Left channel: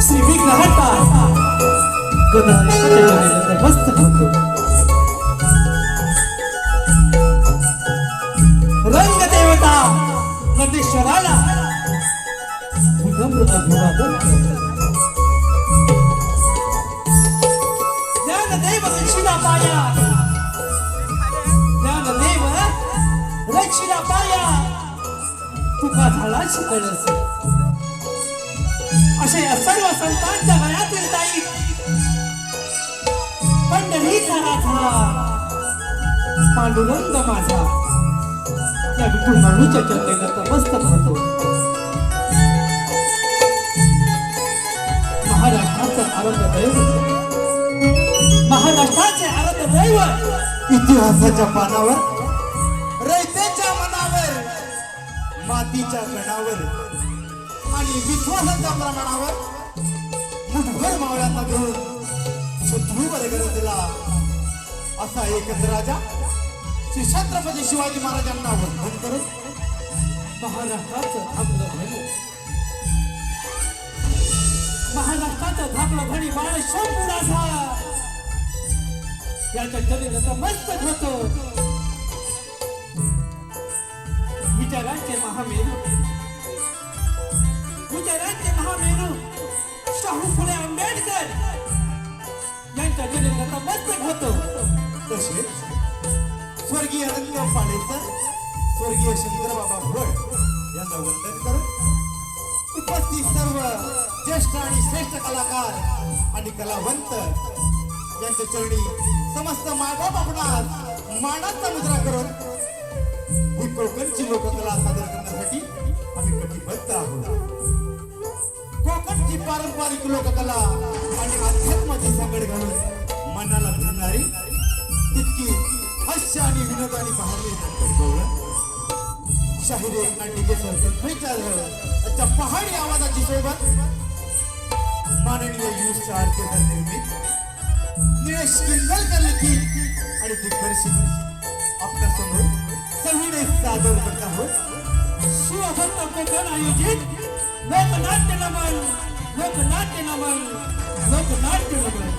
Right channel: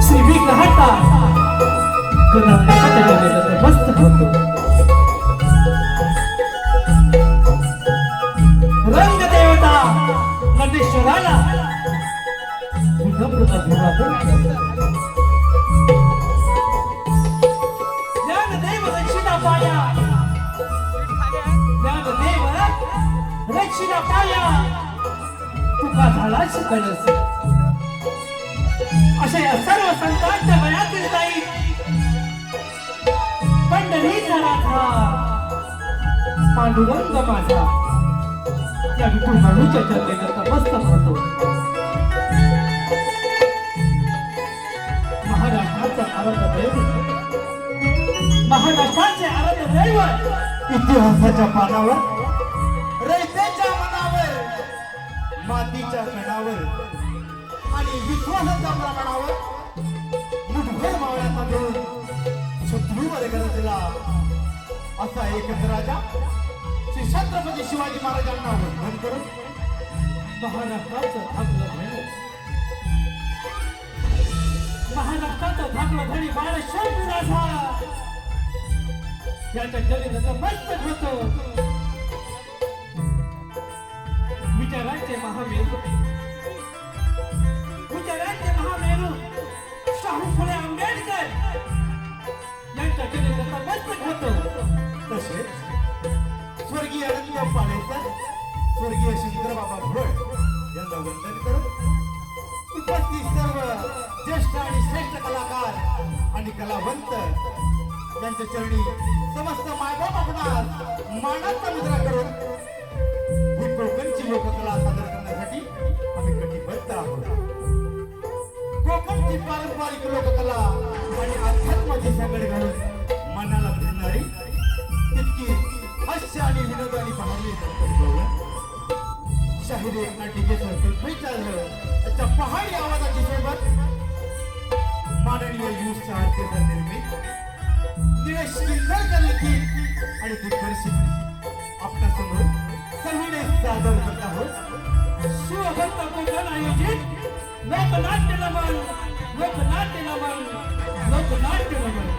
श्री विघ्नहर्ता गणपतीचे मस्त होतो रंग देवता नंदीश्वराला विनम्र अभिवादन ज्ञानदेव रक्षिला पाया ज्ञानदेव रक्षिला पाया तुका झाला शिकणस असे या सर्व संतांच्या वयातील ताई पंढरीचा नाथा पांडुरंग माझा या विठुराणूच्या चरणी नतमस्तक होतो महाराष्ट्राचं आराध्य दैवत महाराष्ट्राचे आराध्य दैवत इतिहासाच्या पानावर रयतेच्या मनावर मातीच्या गणावर आणि विश्वासाच्या प्रमाणावर मुठभर मावळ्यांना घेऊन शत्रूवर गरजला असा एक राजा श्री छत्रपती शिवाजी महाराजांना वंदन करून महाराष्ट्राचं धाकलं धनी महाराष्ट्राचं धाकलं धनी बाळेश्वर पुराठा याच्या चरणी नतमस्तक होतो विचारांचे महामेरू शाहू फुले आंबेडकर यांच्या चरणी नतमस्तक होतो तसेच स्वर्गीय रंगराव पाडेकर स्वर्गीय शंकरबाबा भोळ यांना वंदन करून उपस्थित सर्व ज्येष्ठ आणि श्रेष्ठ कलाकार आणि कलावंत यांच्या चरणी समस्त मानव आपणास मानाचा मुद्रा करून ही कोकणची लोककला सादर करण्यासाठी आम्ही कटिबद्ध आहोत कोकणची पारंपरिक लोककला आणि अध्यात्माची सांगड घालून मनाला भिडणारी तितकी हास्य आणि विनोदाने पाहावी शाहिरी नाटिके सारखे त्याच्या पहाडी आवाजाची सोबत माननीय युथ आर्केस्ट्रा निर्मित निलेश किल्लरकर लिखित आणि दिग्दर्शित आपल्यासमोर सविनय सादर करत आहोत शिवभक्त कोकण आयोजित लोकनाट्य नमन लोकनाट्य नमन लोकनाट्य नमन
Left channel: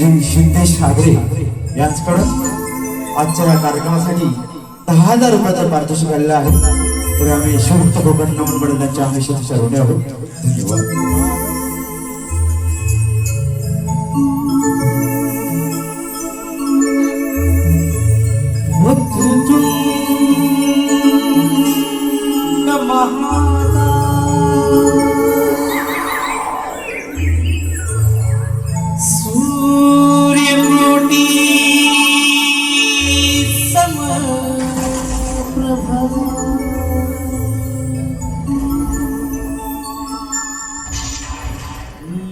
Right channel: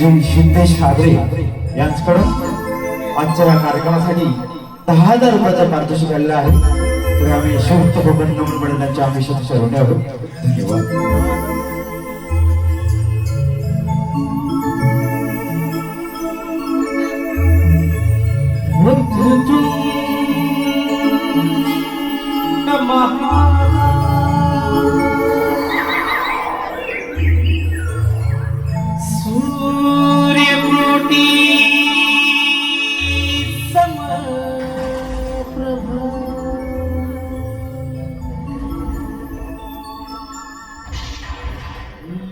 श्री सिद्धेश हागरे यांच्याकडून आजच्या या कार्यक्रमासाठी 10,000 रुपयाचा पारितोषिक आलेला आहे. तर आम्ही शिवभक्त कोकण मंडळ त्यांच्या आम्ही शतशः ऋणी आहोत. धन्यवाद. सूर्यकोटी समप्रभा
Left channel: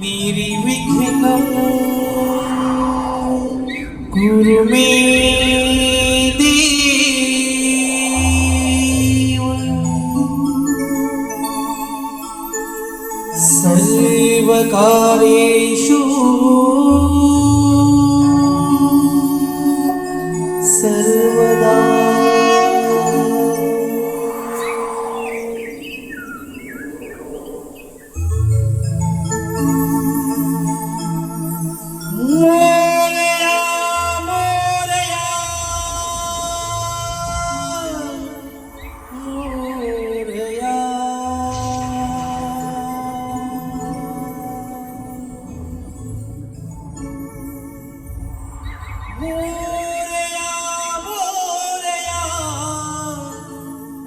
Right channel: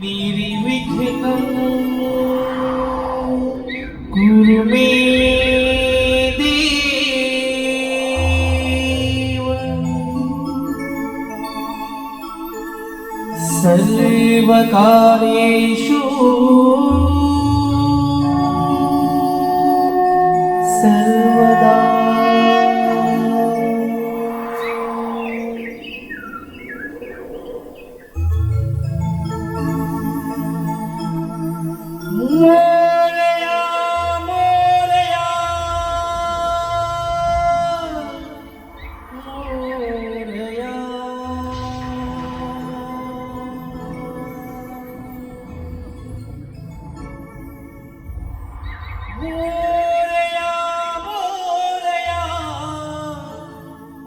निर्विघ्नं कुरु मे देव सर्वकार्येषु सर्वदा. मोरया मोरया मोरया मोरया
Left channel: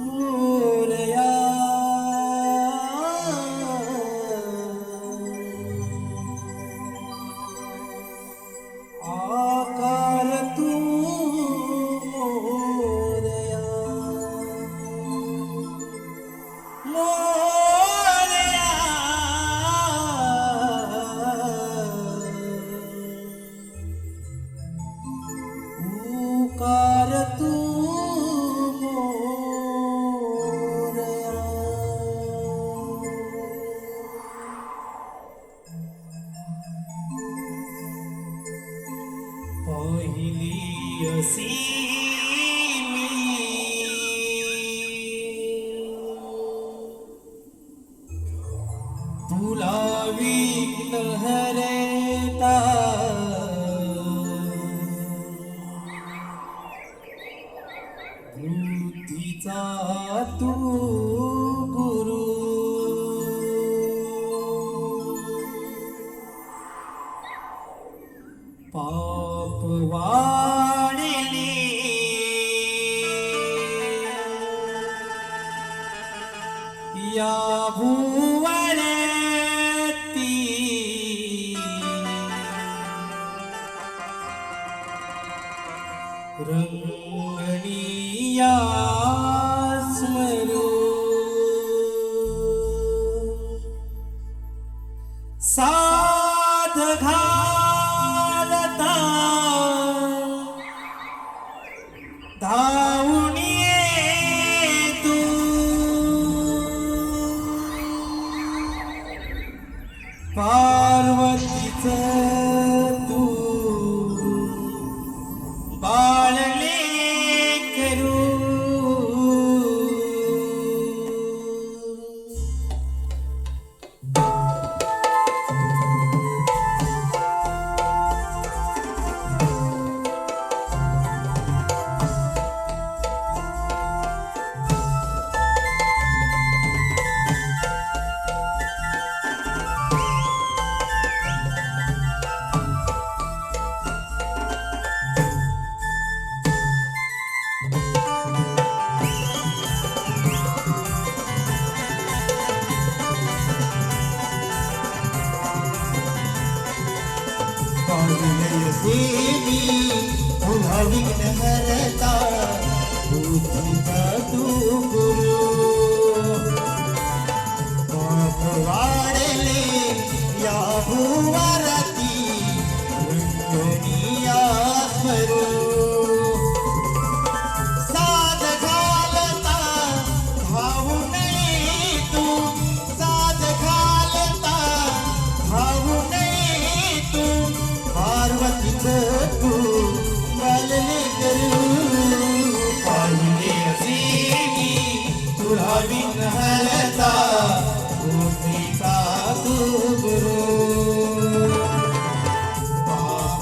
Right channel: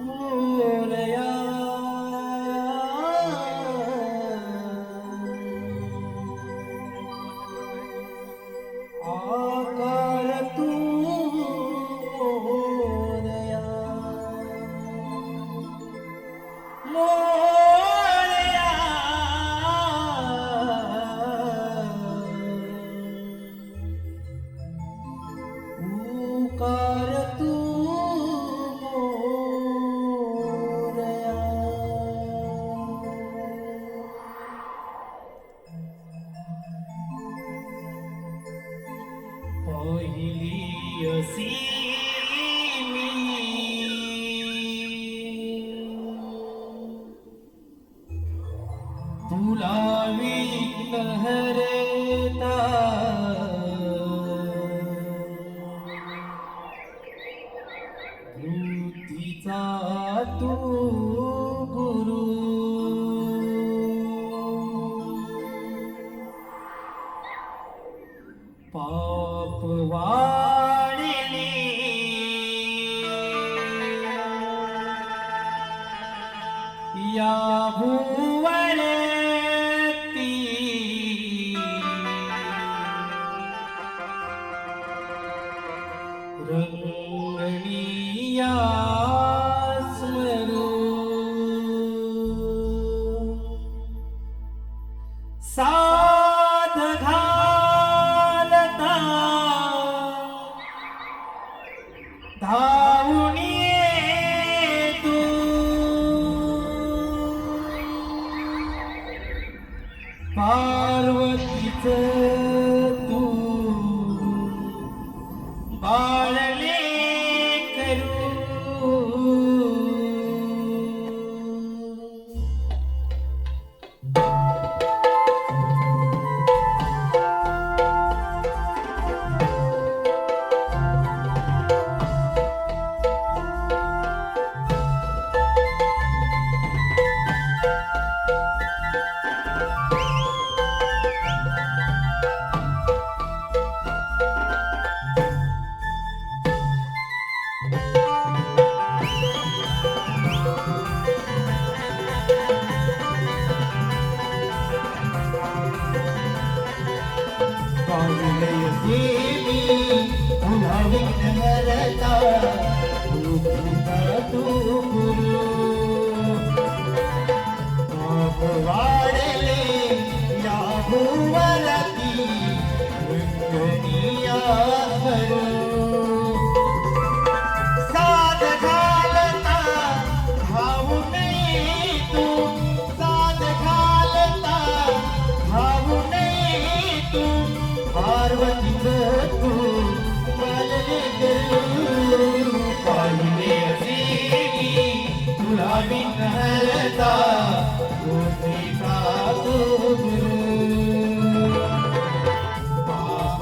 मोरया आकार तू मोरया मोरया उकार तू मोरया. पहिली असी मी तुला विघ्नहर्ता बुद्धीचा तू गुरु पाप वाढले या भुवरती रंगणीया स्मरू साध घालता धावून ये तू पार्वतीचं तू बाळले करू. देवी पुन्हा विघ्नहर्ता बुद्धीचा तू गुरु पाप वाढले या भुवरती रंगणीया करू साध घालता भाऊ नये तू साध घालता भाऊ नये तू पार्वतीचं तू बालले करू पाहिले असे तुला विघ्नहर्ता बुद्धीचा तू गुरु पाप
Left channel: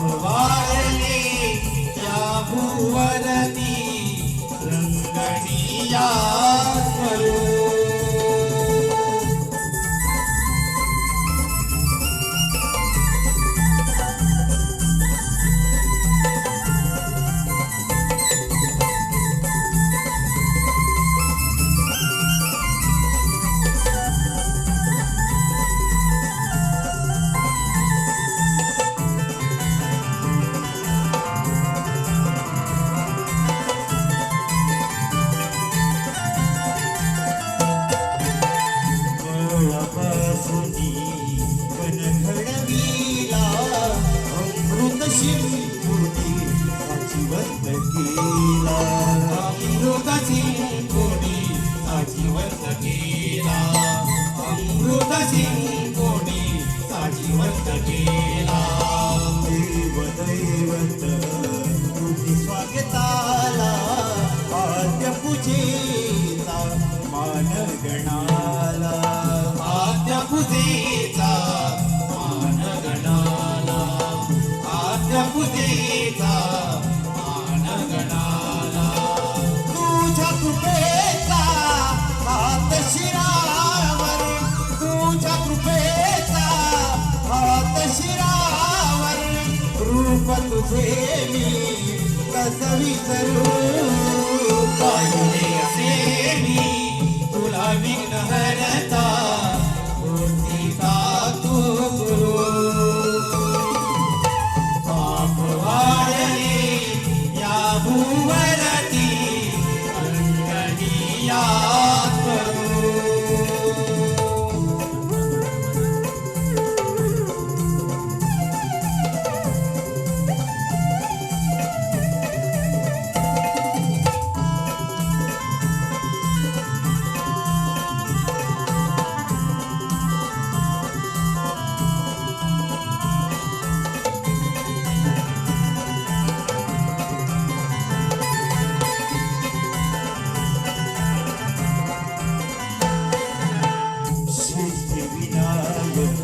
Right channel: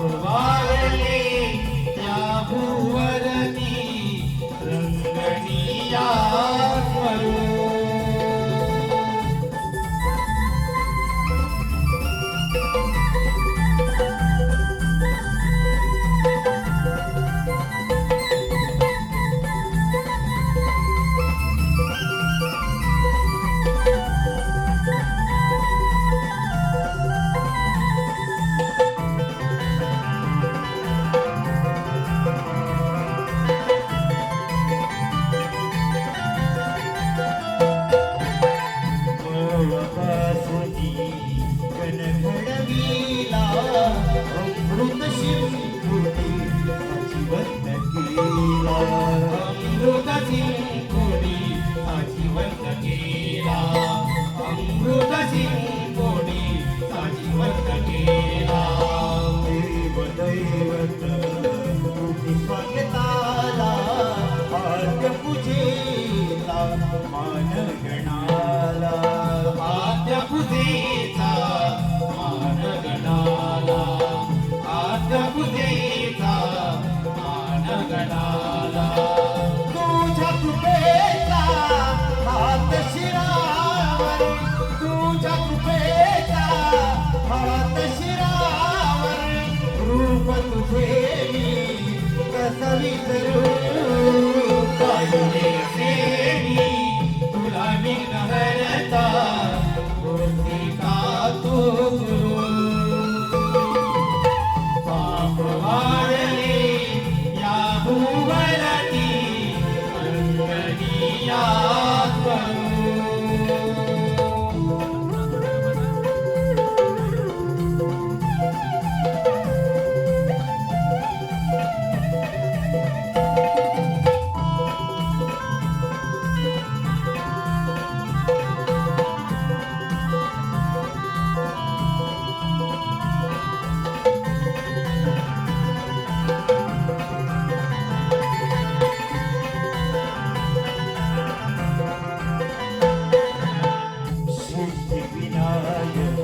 कृपेचा हात शिरावरी, तुझ्या कृपेचा हात शिरावरी, रूप तुझे मी कसं विसरू, पाहिले असे मी तुला विघ्नहर्ता, होती का तू पाप वाढले या भुवनाती, अंगणी याद करू. सिद्धिविनायक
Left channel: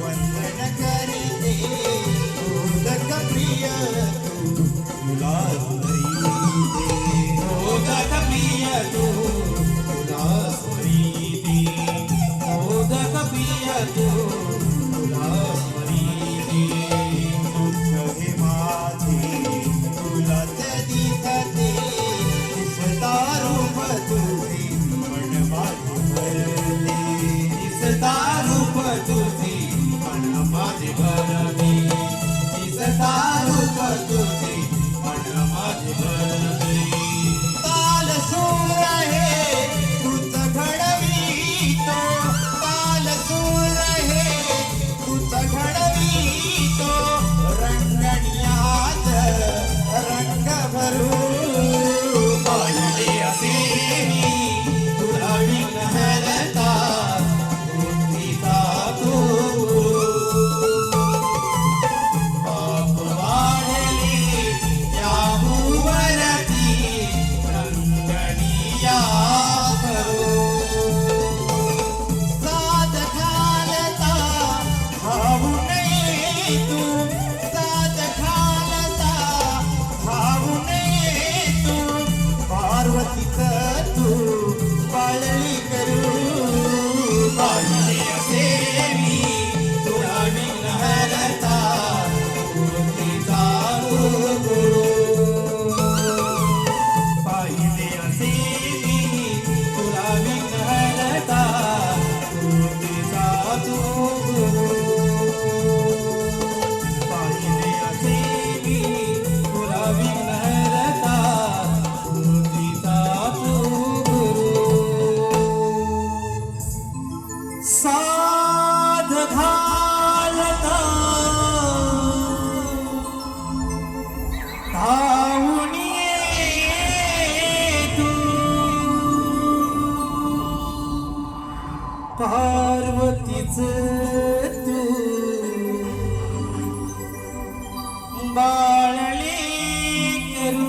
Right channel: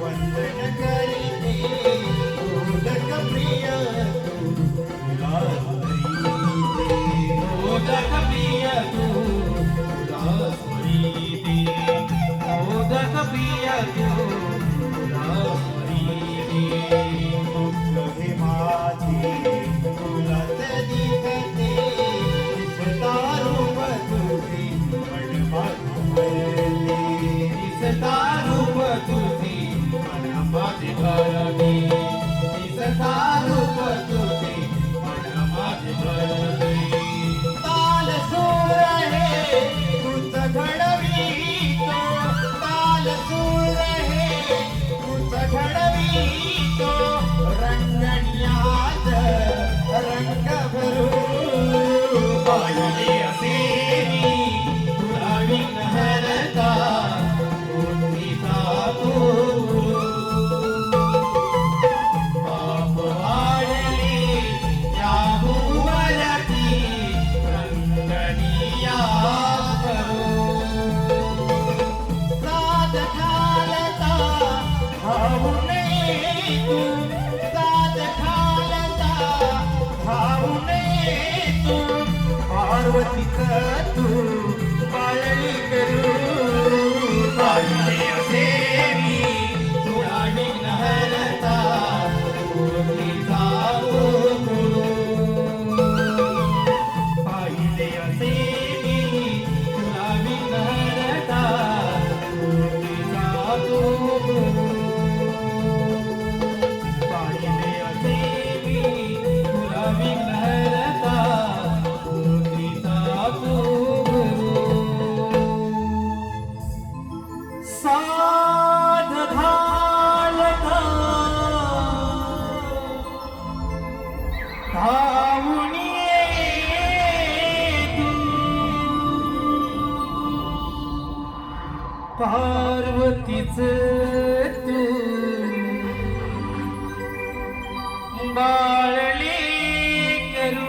वंदन करीते, मोदक प्रिय तुला स्मरीते, मोदक प्रिय तुला स्मरीते, मोदक प्रिय तुला स्मरीते, दुःख हे माझे तुलाच दिसते, दिसता रूप तुझे मन माझे भरते, दिसता रूप तुझे मन माझे भरते, दिसता रूप तुझे मन माझे भरते. ताल सूर हे तुझ घडवितो, ताल सूर हे तुझ घडवितो, रंगण्यात रंग भरू, पाहिले असे मी तुला विघ्नहर्ता, पाप वाढले या भुवनाती, अंगणी याद करू. साथ घालता भाऊ नये तू, साथ घालता भाऊ नये तू, पार्वतीच तू पाळली करू, पाहिले असे मी तुला विघ्नहर्ता, मूर्तीचा करू. पाहिले असे मी तुला विघ्नहर्ता, मूर्तीचा करू. पाहिले असे मी तुला विघ्नहर्ता, मूर्तीचा करू. साध घालता धावून ये तू, पार्वतीच तू बाळली करू.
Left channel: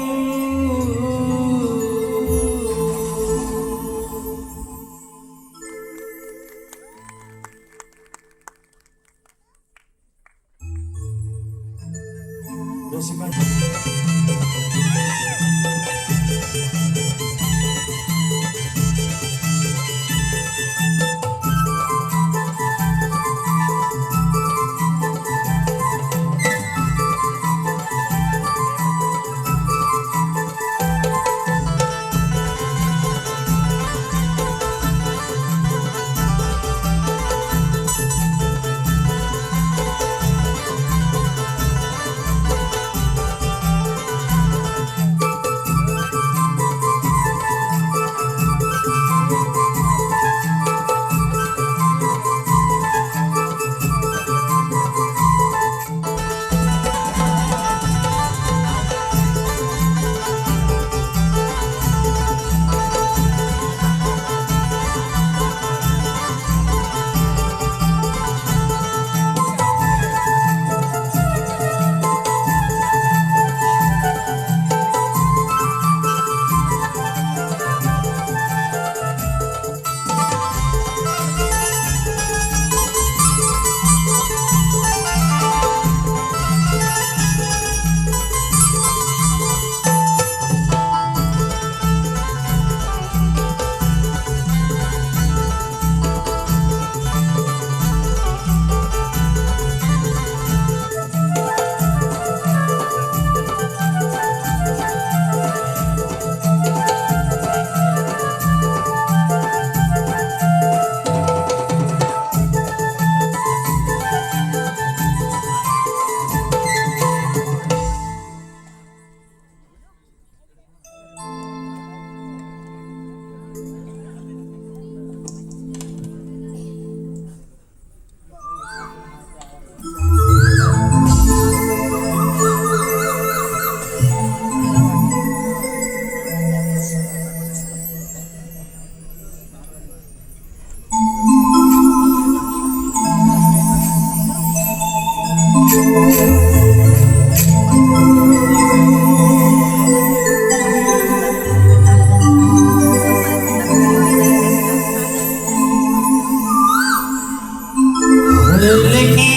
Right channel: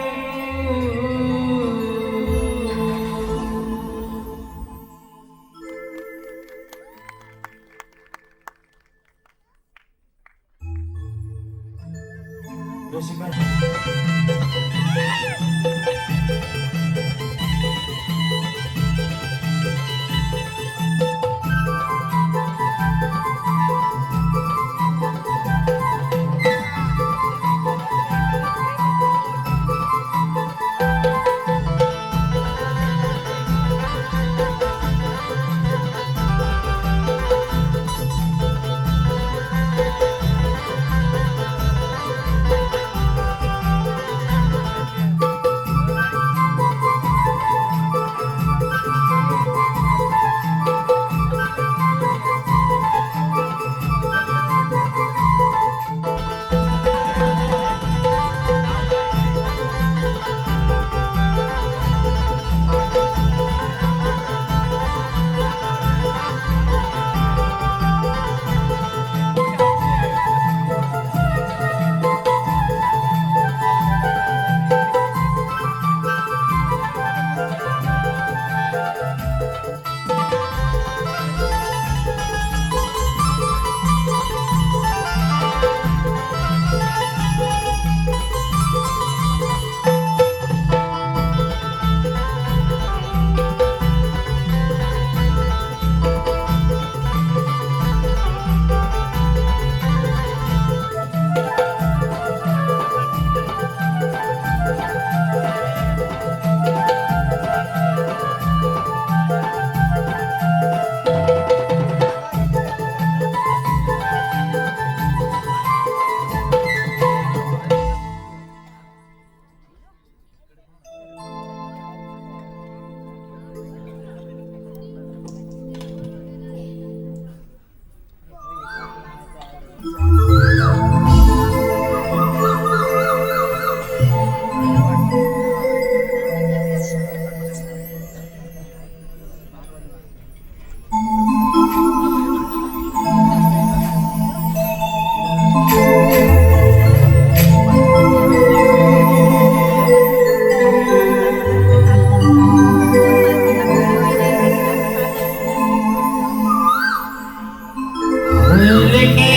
हलके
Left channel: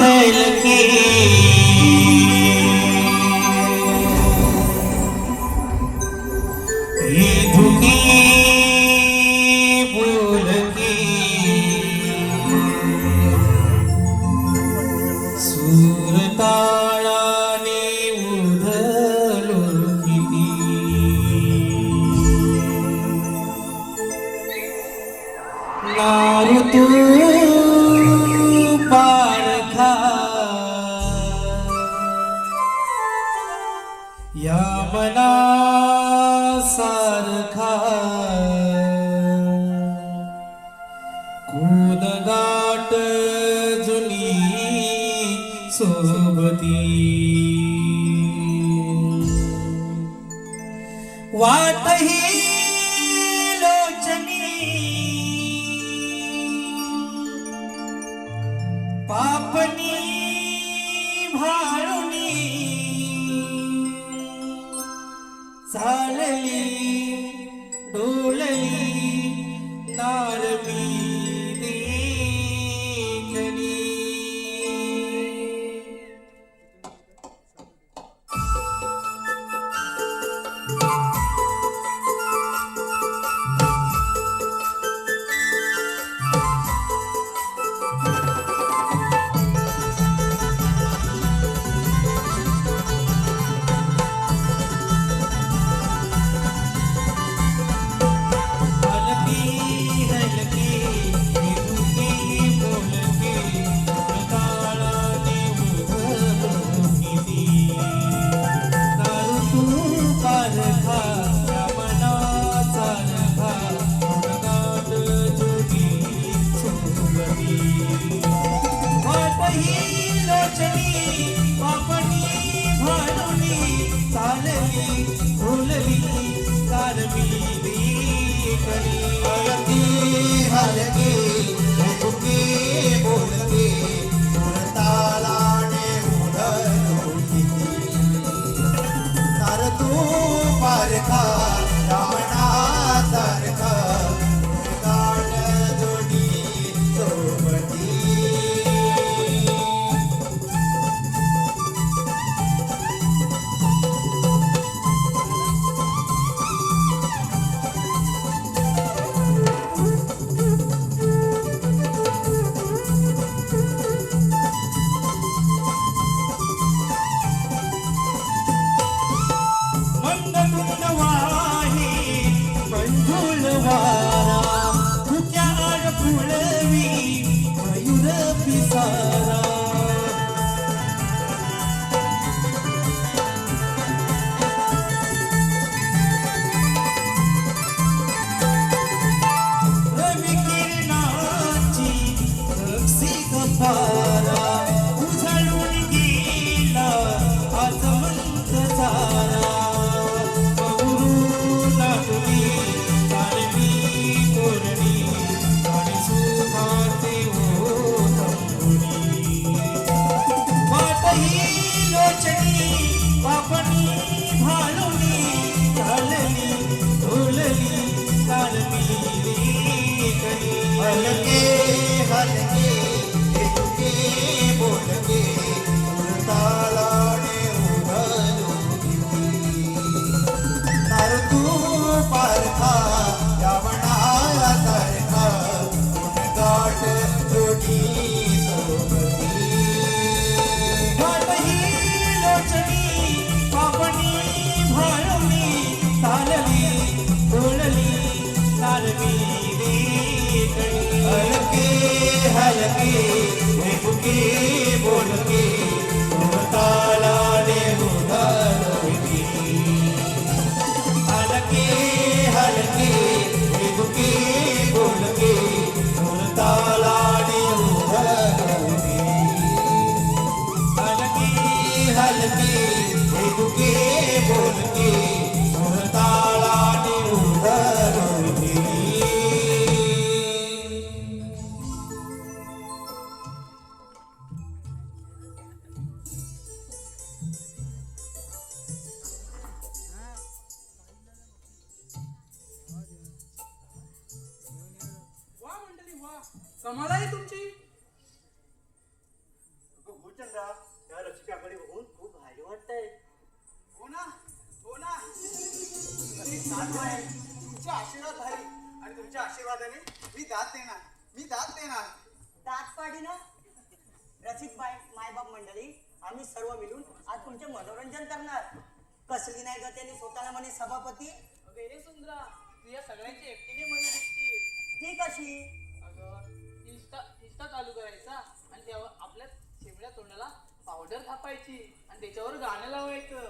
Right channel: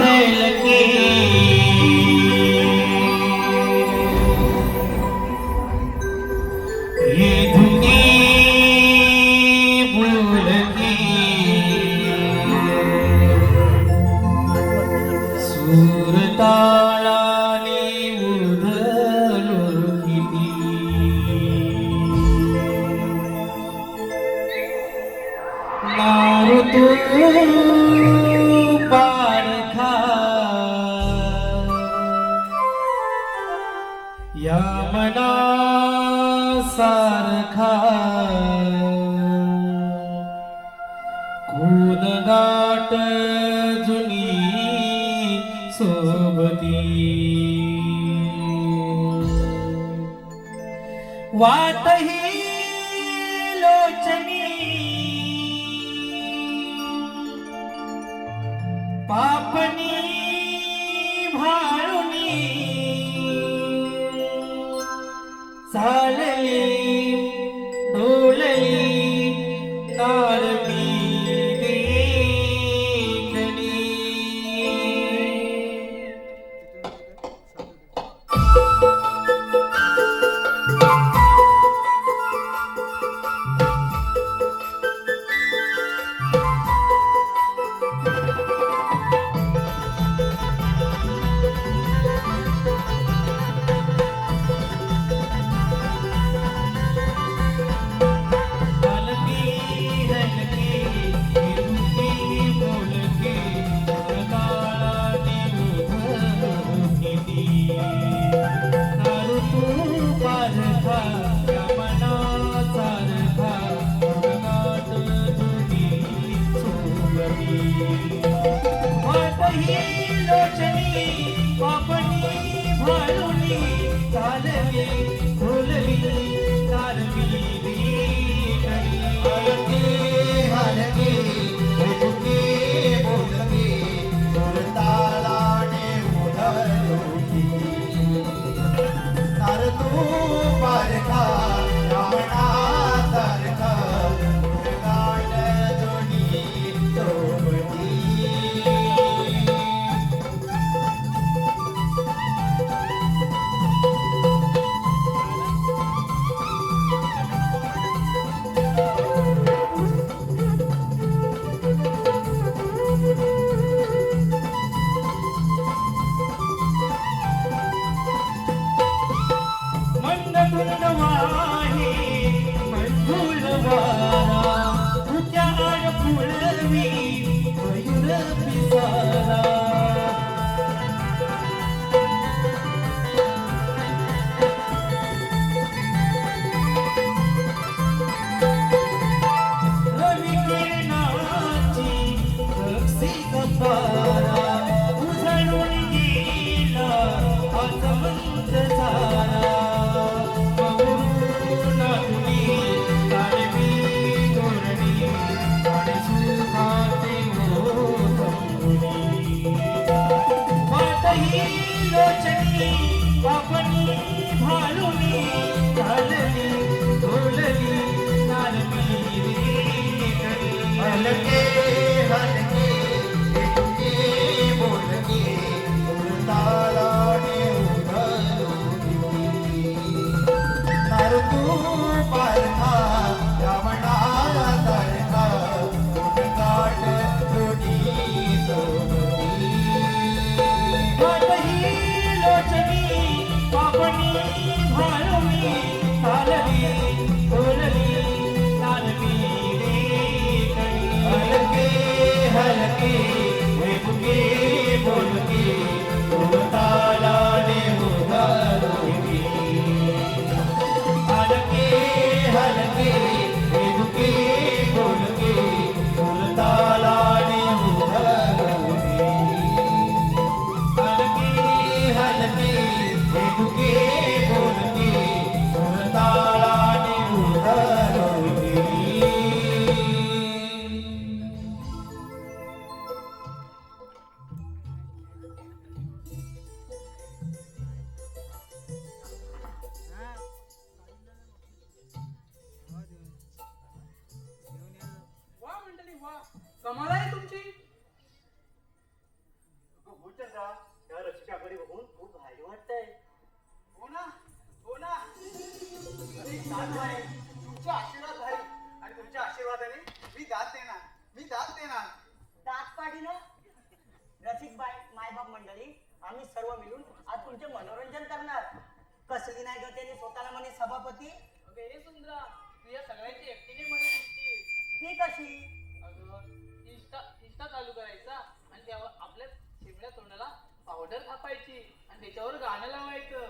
हलके ये धुके बोलके सूरताळाने उधलो किती नारदू पारखा या मना सारखा कोण गाठ जुनी सोबती वाटही लोचनी पापनी भाळुनी चालली डोलली नारळी देखणी हलके हलके पाडते ना. ताटपाडी ना रसिकबाई मायबाप मंडळी आम्ही सर्व मिळून आज तुमचे मनोरंजन करणार. कसली नाही ग त्यांनी स्वतःला म्हणे सभापती. बेरे सुंदरा तू या सगळ्यांची एकटीने म्हणत होती. ती कशी? अगं इंस्टा चालू करायचा आणि त्यावर आपल्या शेमड्या तोंडाला पावडर थापायची आणि त्याच्यावर गाणं लावायचं.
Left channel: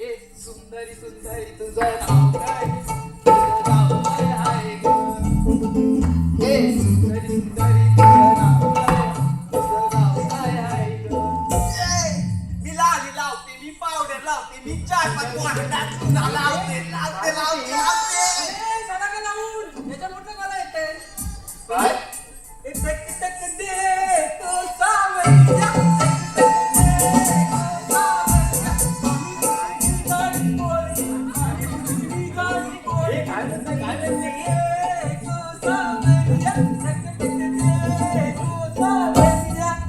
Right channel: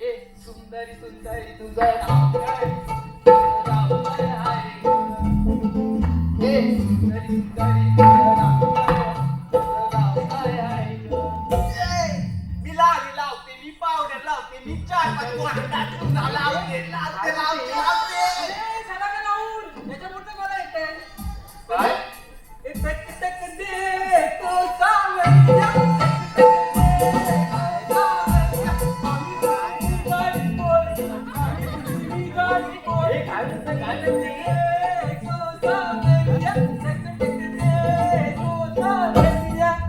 ए सुंदरी सुंदरी तुझं नाव काय? तुझं नाव काय आहे ग? ए सुंदरी सुंदरी तुझं नाव काय? तुझं नाव काय आहे ग? मी लावते मी पावडर लावते मी 4-5 लावते लावते लावते लावते. ए, झाला का लावून? याच्या मोठं मला येतंय. काय? एक टक टक दे तो सावरिया.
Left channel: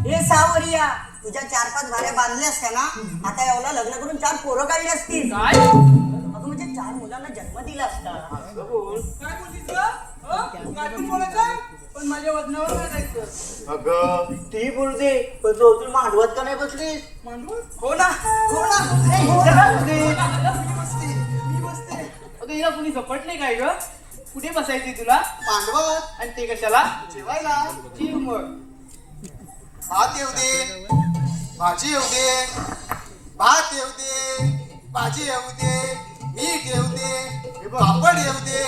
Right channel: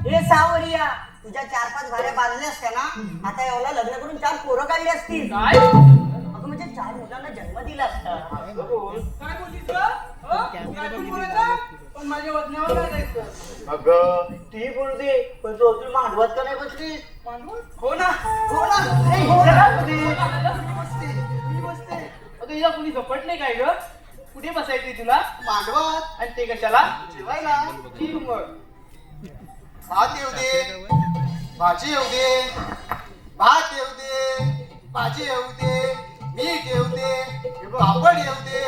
हे सावरिया तुझ्या 4-5 भाड्या बांधल्या असत्या ना आता एवढा लग्न करून 4 पोरं काढली असतील. काय अगं म्हणजे 4 मुलांना जन्म दिला असता. काय बोललीस का? काय तू बोलायचं? पण माझ्या वजनावर काय द्यायचं? अगं ती बोलते पण तू अजून मांडवत का नाही बसलीस? मांडवळ? हो ना. मी बसते. अगं हिला कुणी झपटले काय ग? कुठे बसायची तुला? मांडवत आणि ते कशाला? जेवायला जीव मग. भात येऊ दे, भाजी येऊ दे, भात येऊ दे, भाजी येऊ दे, मीठ येऊ दे, पापड येऊ दे.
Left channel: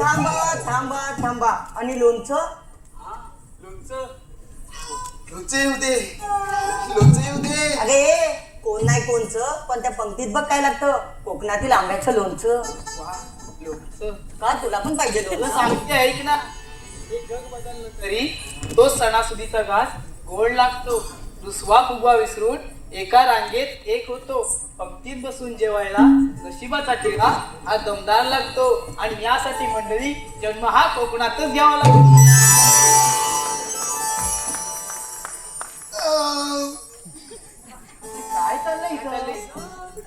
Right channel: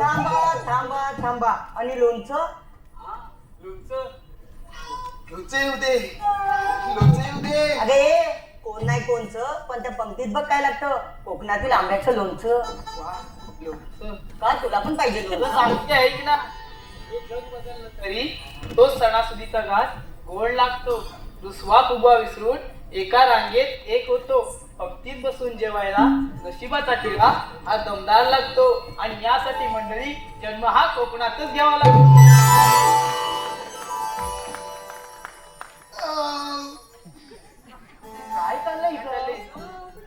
थांबा थांबा थांबा आणि लोणचं? लोणचं. लोणचं येऊ दे, लोणचं येऊ दे. अरे कोण नाही कोणचं पण त्या पंक्तीत बघ काय लागतं कोकणातील आंब्याचं लोणचं. लोणचं. का तुला पण पाहिजे तुला लोणचं? सांगते ऐक ना. हे जग बदललं तरी तो सणासुदीचा घास गोड लागतो. दुसवा फुगवा विसरून एका रांगेत एक होतो. पंक्तीत बसून जेवायला नशिबाचा चेहरा हा दमदार लागतो. आणि यासाठी मंडळी जन्म हा कोकणातच घ्यावा लागतो. काय चाललंय इथं?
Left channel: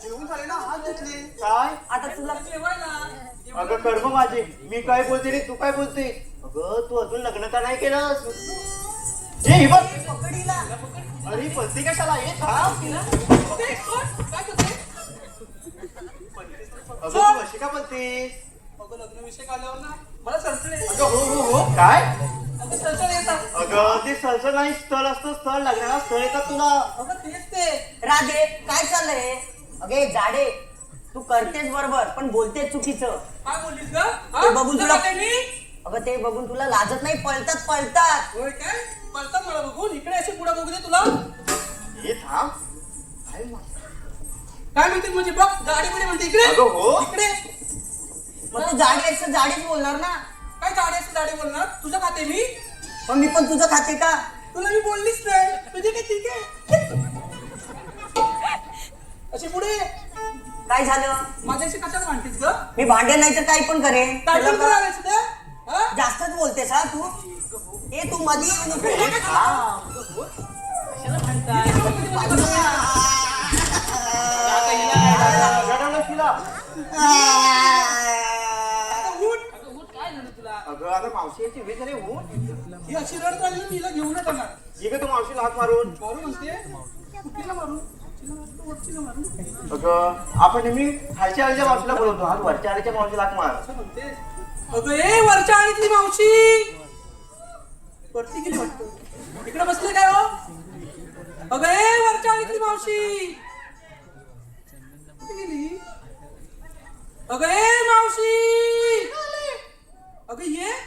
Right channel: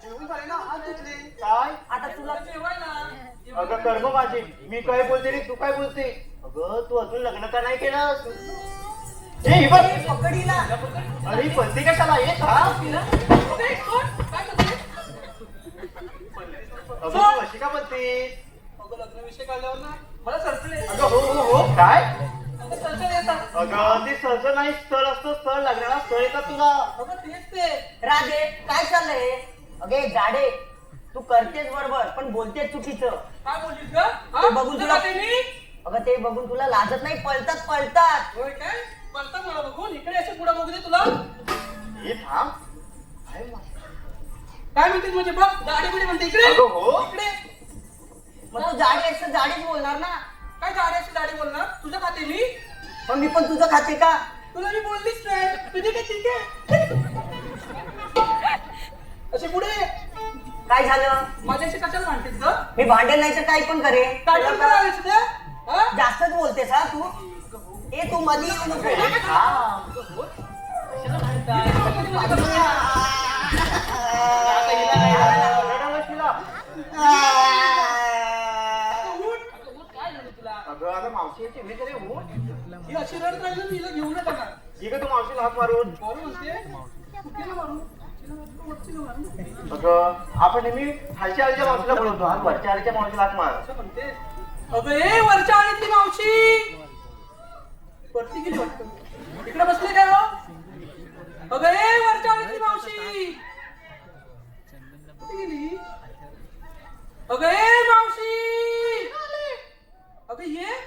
जेवण झालं ना, हात धुतले. काय? आता तुला जेवायला. अगं कर्म माझे मी काय बोलते रे तू काय बोलते? अगं तू अजून लग्न का नाही केलं? ए हे बघ. पकडीला अरे पत्ते कशाला हे थांब. काय करतोय? अगं तू अशी का बोलतेस? अगं लग्न विषय काढल्यावर ना मला सरसळे. अगं हो काय? अगं सरसळे येतात. अगं ते सरसर नाही स्थळ असतं स्थळ लग्नाला स्थळ येतात तुला. अगं तेच ते. राधे काय चाललंय? अगे जाडे तू करतेस बरोबर पण बोलतेस चुकीचं. काय बोललीस ग? ते बघून तुला काय मी? अगं ते बघून तुला लाजत नाही पळतात. होय काय? पळतात मला बघून. इकडे असे पुढे बघू दे तुला. हे थांब. काय म्हणते तुझी बघ गाडी बिडी म्हणते इकडे. अगं हो. इकडे. मग तू जाडी आहेस तर जाडीच बोलणार ना. काय गाड्याची गाडी बोलणार? तुझं खाते मी. मग मी पण तुझं खाते का? तुला मी बोललीच नाही. तुझी काय ठीक आहे. असे पुढे काय झालं? माझ्याशी कशाला म्हणतेस ग? मी भांडे नाही तर काही पण करेन. काय तुला पण का- करायला तुझं? हा? जास्तच बोलतेस हा तू. ए तू मध्ये येऊ नको. कशाला म्हणताय? आता हिला काय झालं? रडवलं तिला. आता उठ. अगं उठ. काय झालं तुला? अगं आता मावशी याची उभी करे हो. ही अशी रडत राहिली ना, तिला घेऊन येतात ना. ये का तू मावशीला हात मारून. मारून ते तिला मारू. तिला मारू. अगं आपण नेहमी खालच्या आलीच्या मावशीला बोलतो हा वरच्या आलीच्या मावशीला हात मार. असं म्हणते. अगं ए वरच्या आणतली मावशी. वरती गेली वाटतं. इकडे बसले काय हो? अगं ए वरच्या आणतली मावशी. कुठे गेली? अगं ए मावशी. अगं ये.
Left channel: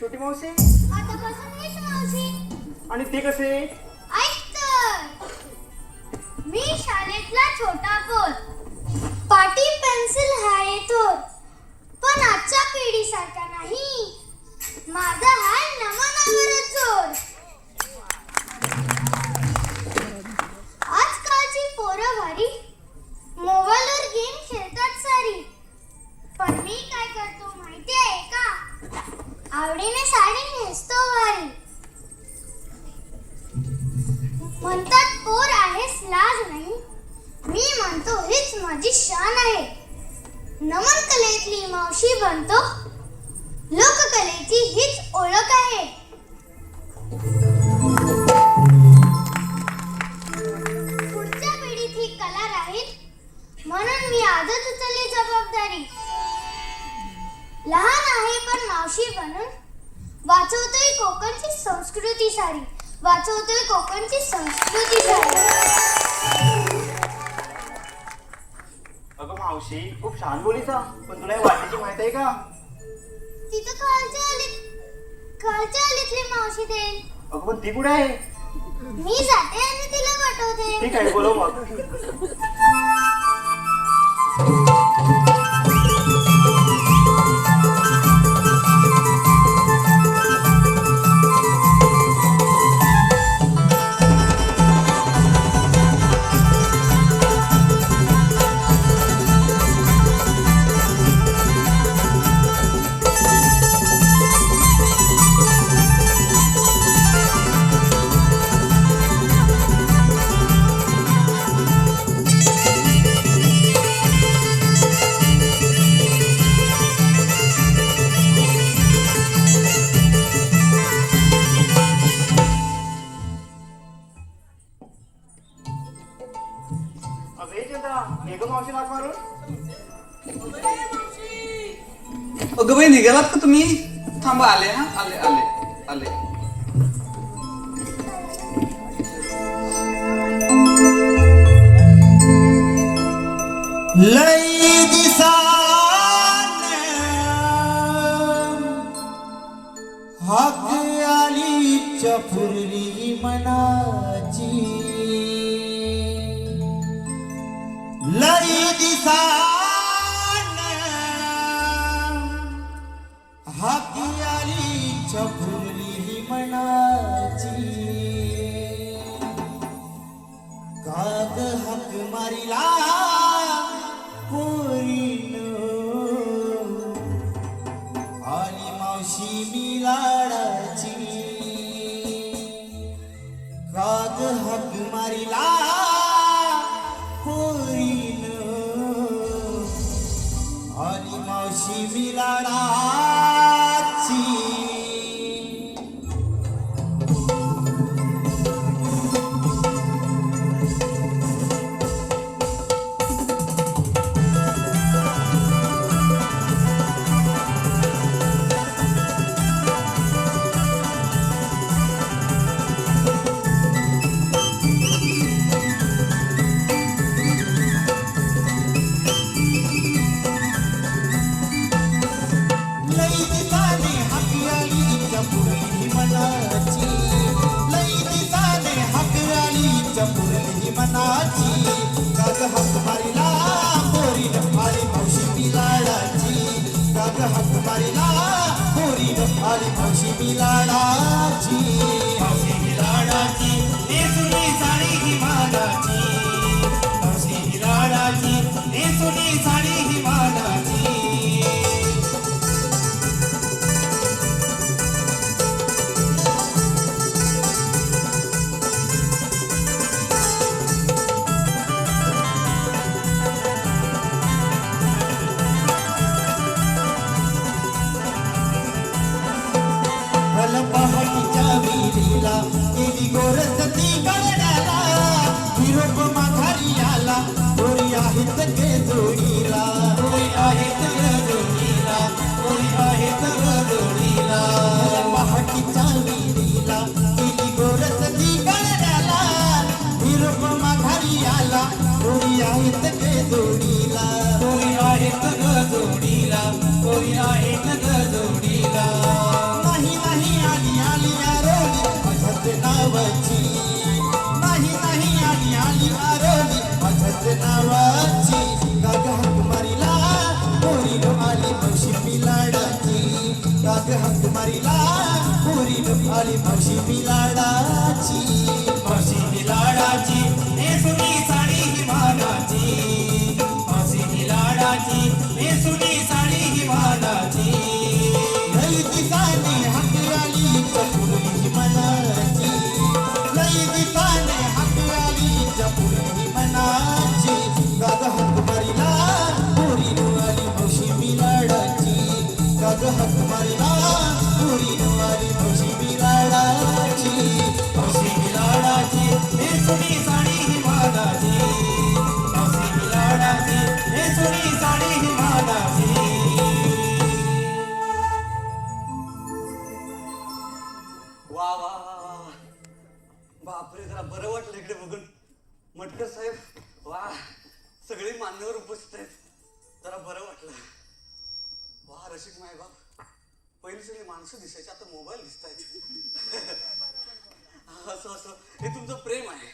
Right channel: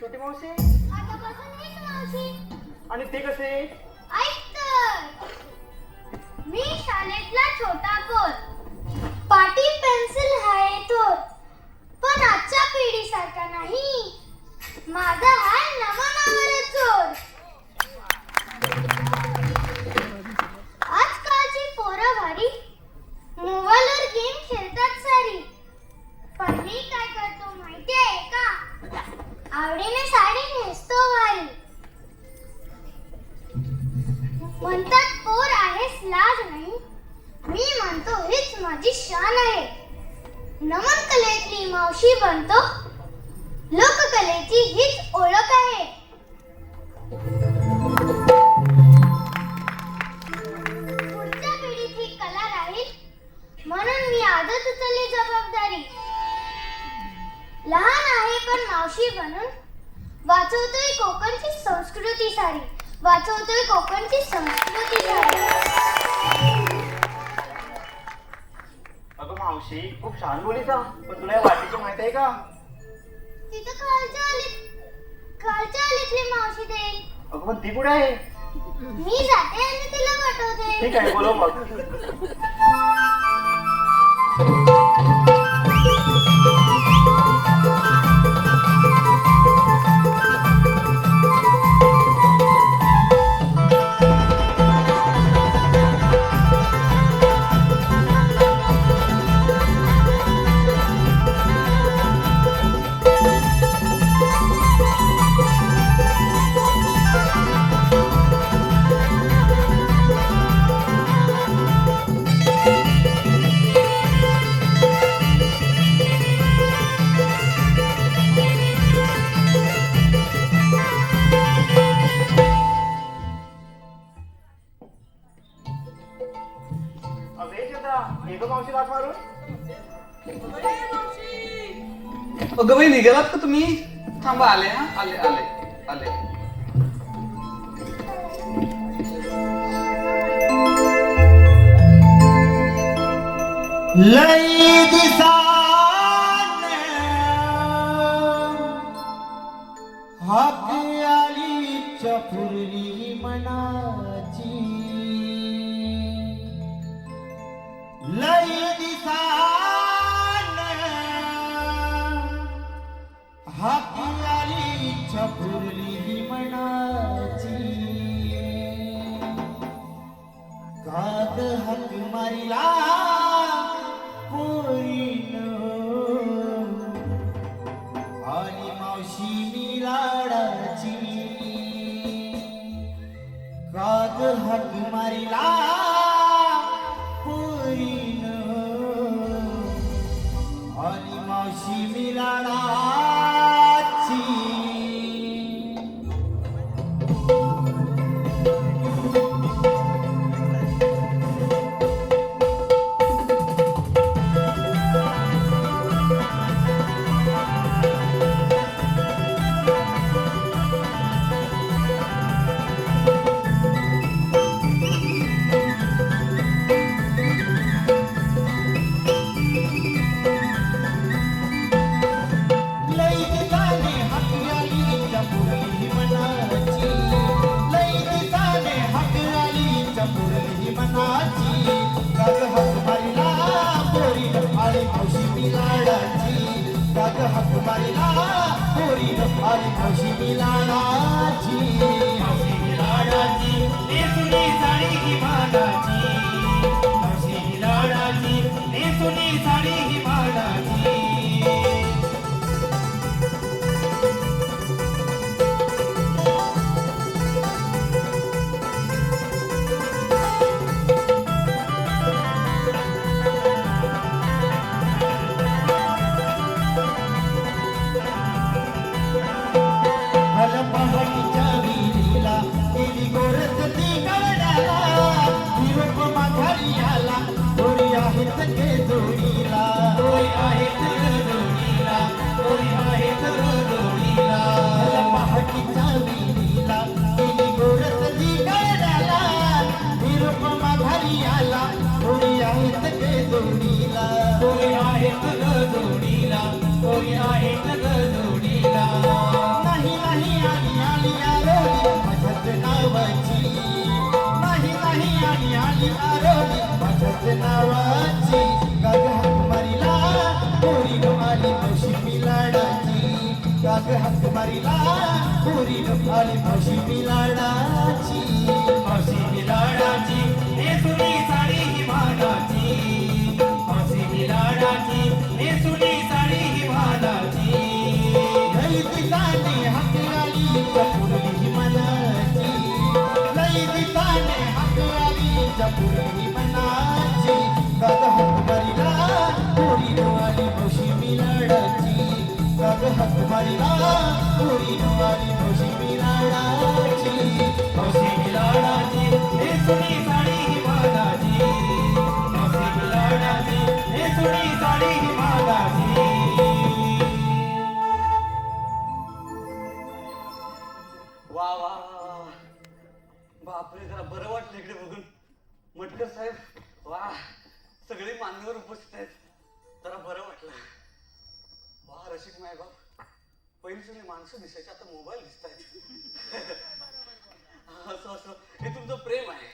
छोटी मावशी आतापासून मीच मावशी. आणि ते कसे? ऐक तर. मी शाळेतला छोटा कोर, पाटी पेन्सिल हाय थोर, पण आजच्या पिढीसारखा नाही. माझा हाय नमनावर जोर. आजकालची पोरं भारी मोबाईलवर गेम खेळतात सारी, पण मी काय करतो माहितीये का? आवडीने साडी नेसतो वारी. म्हणतात पोर आहेस लाज नाही, मी म्हणतो हीच माझी शान आहे. नमन कलेतली मावशी बनतो, लोककलेची हीच ओळख आहे. पुढच्या पिढीत ही कला राहील म्हणून मी आजच उचलली जबाबदारी. लहान आहे पण मावशी बनून वाचवतोय कोकणची संस्कृती सारी, वाचवतोय कोकणची संस्कृती सारी. अगं मावशी खूप छान बोलीचा, पण तुला या वाटेची माहिती आहे का? तिथं खालच्या आलीतली मावशी देईल. अगं पण ती कुठे आहे? मी जाते आणि तिला पाठवते. ठीक आहे, बोलव मग. अगं बाई निघालात का तुम्ही? थांबा आले हा, आले आले आले. लई दिसाने हाक आली चफुरली मनाची. लई दिसाने हाक आली चफुरली मनाची. काग हक मारिला आणि मावशी मी लाडाची. काग हक मारिला पोरीन आणि मावशी मी लाडाची. भल पहाटीच्या विहिरी पोरीनो आली मुशी मिलाडाची काग हाक मारिला पोरीनो आली मुशी मिलाडाची मुशी मिलाडाची हे सोनी साडी हिमालाची मुशी मिलाडाची हे सोनी साडी हिमालाची वा वा वा वा वा. बापरे जरा बरं वाटलं इकडे बघून. मटकर साहेब वा सगळे मान्यवर उपस्थित आहेत. जरा बरं वाटलं. वा रसिक माय बाप पहिली सगळी माणसं दिसायची आता मोबाईल दिसत आहेत. असं असं हे तुमचं प्रेम आहे.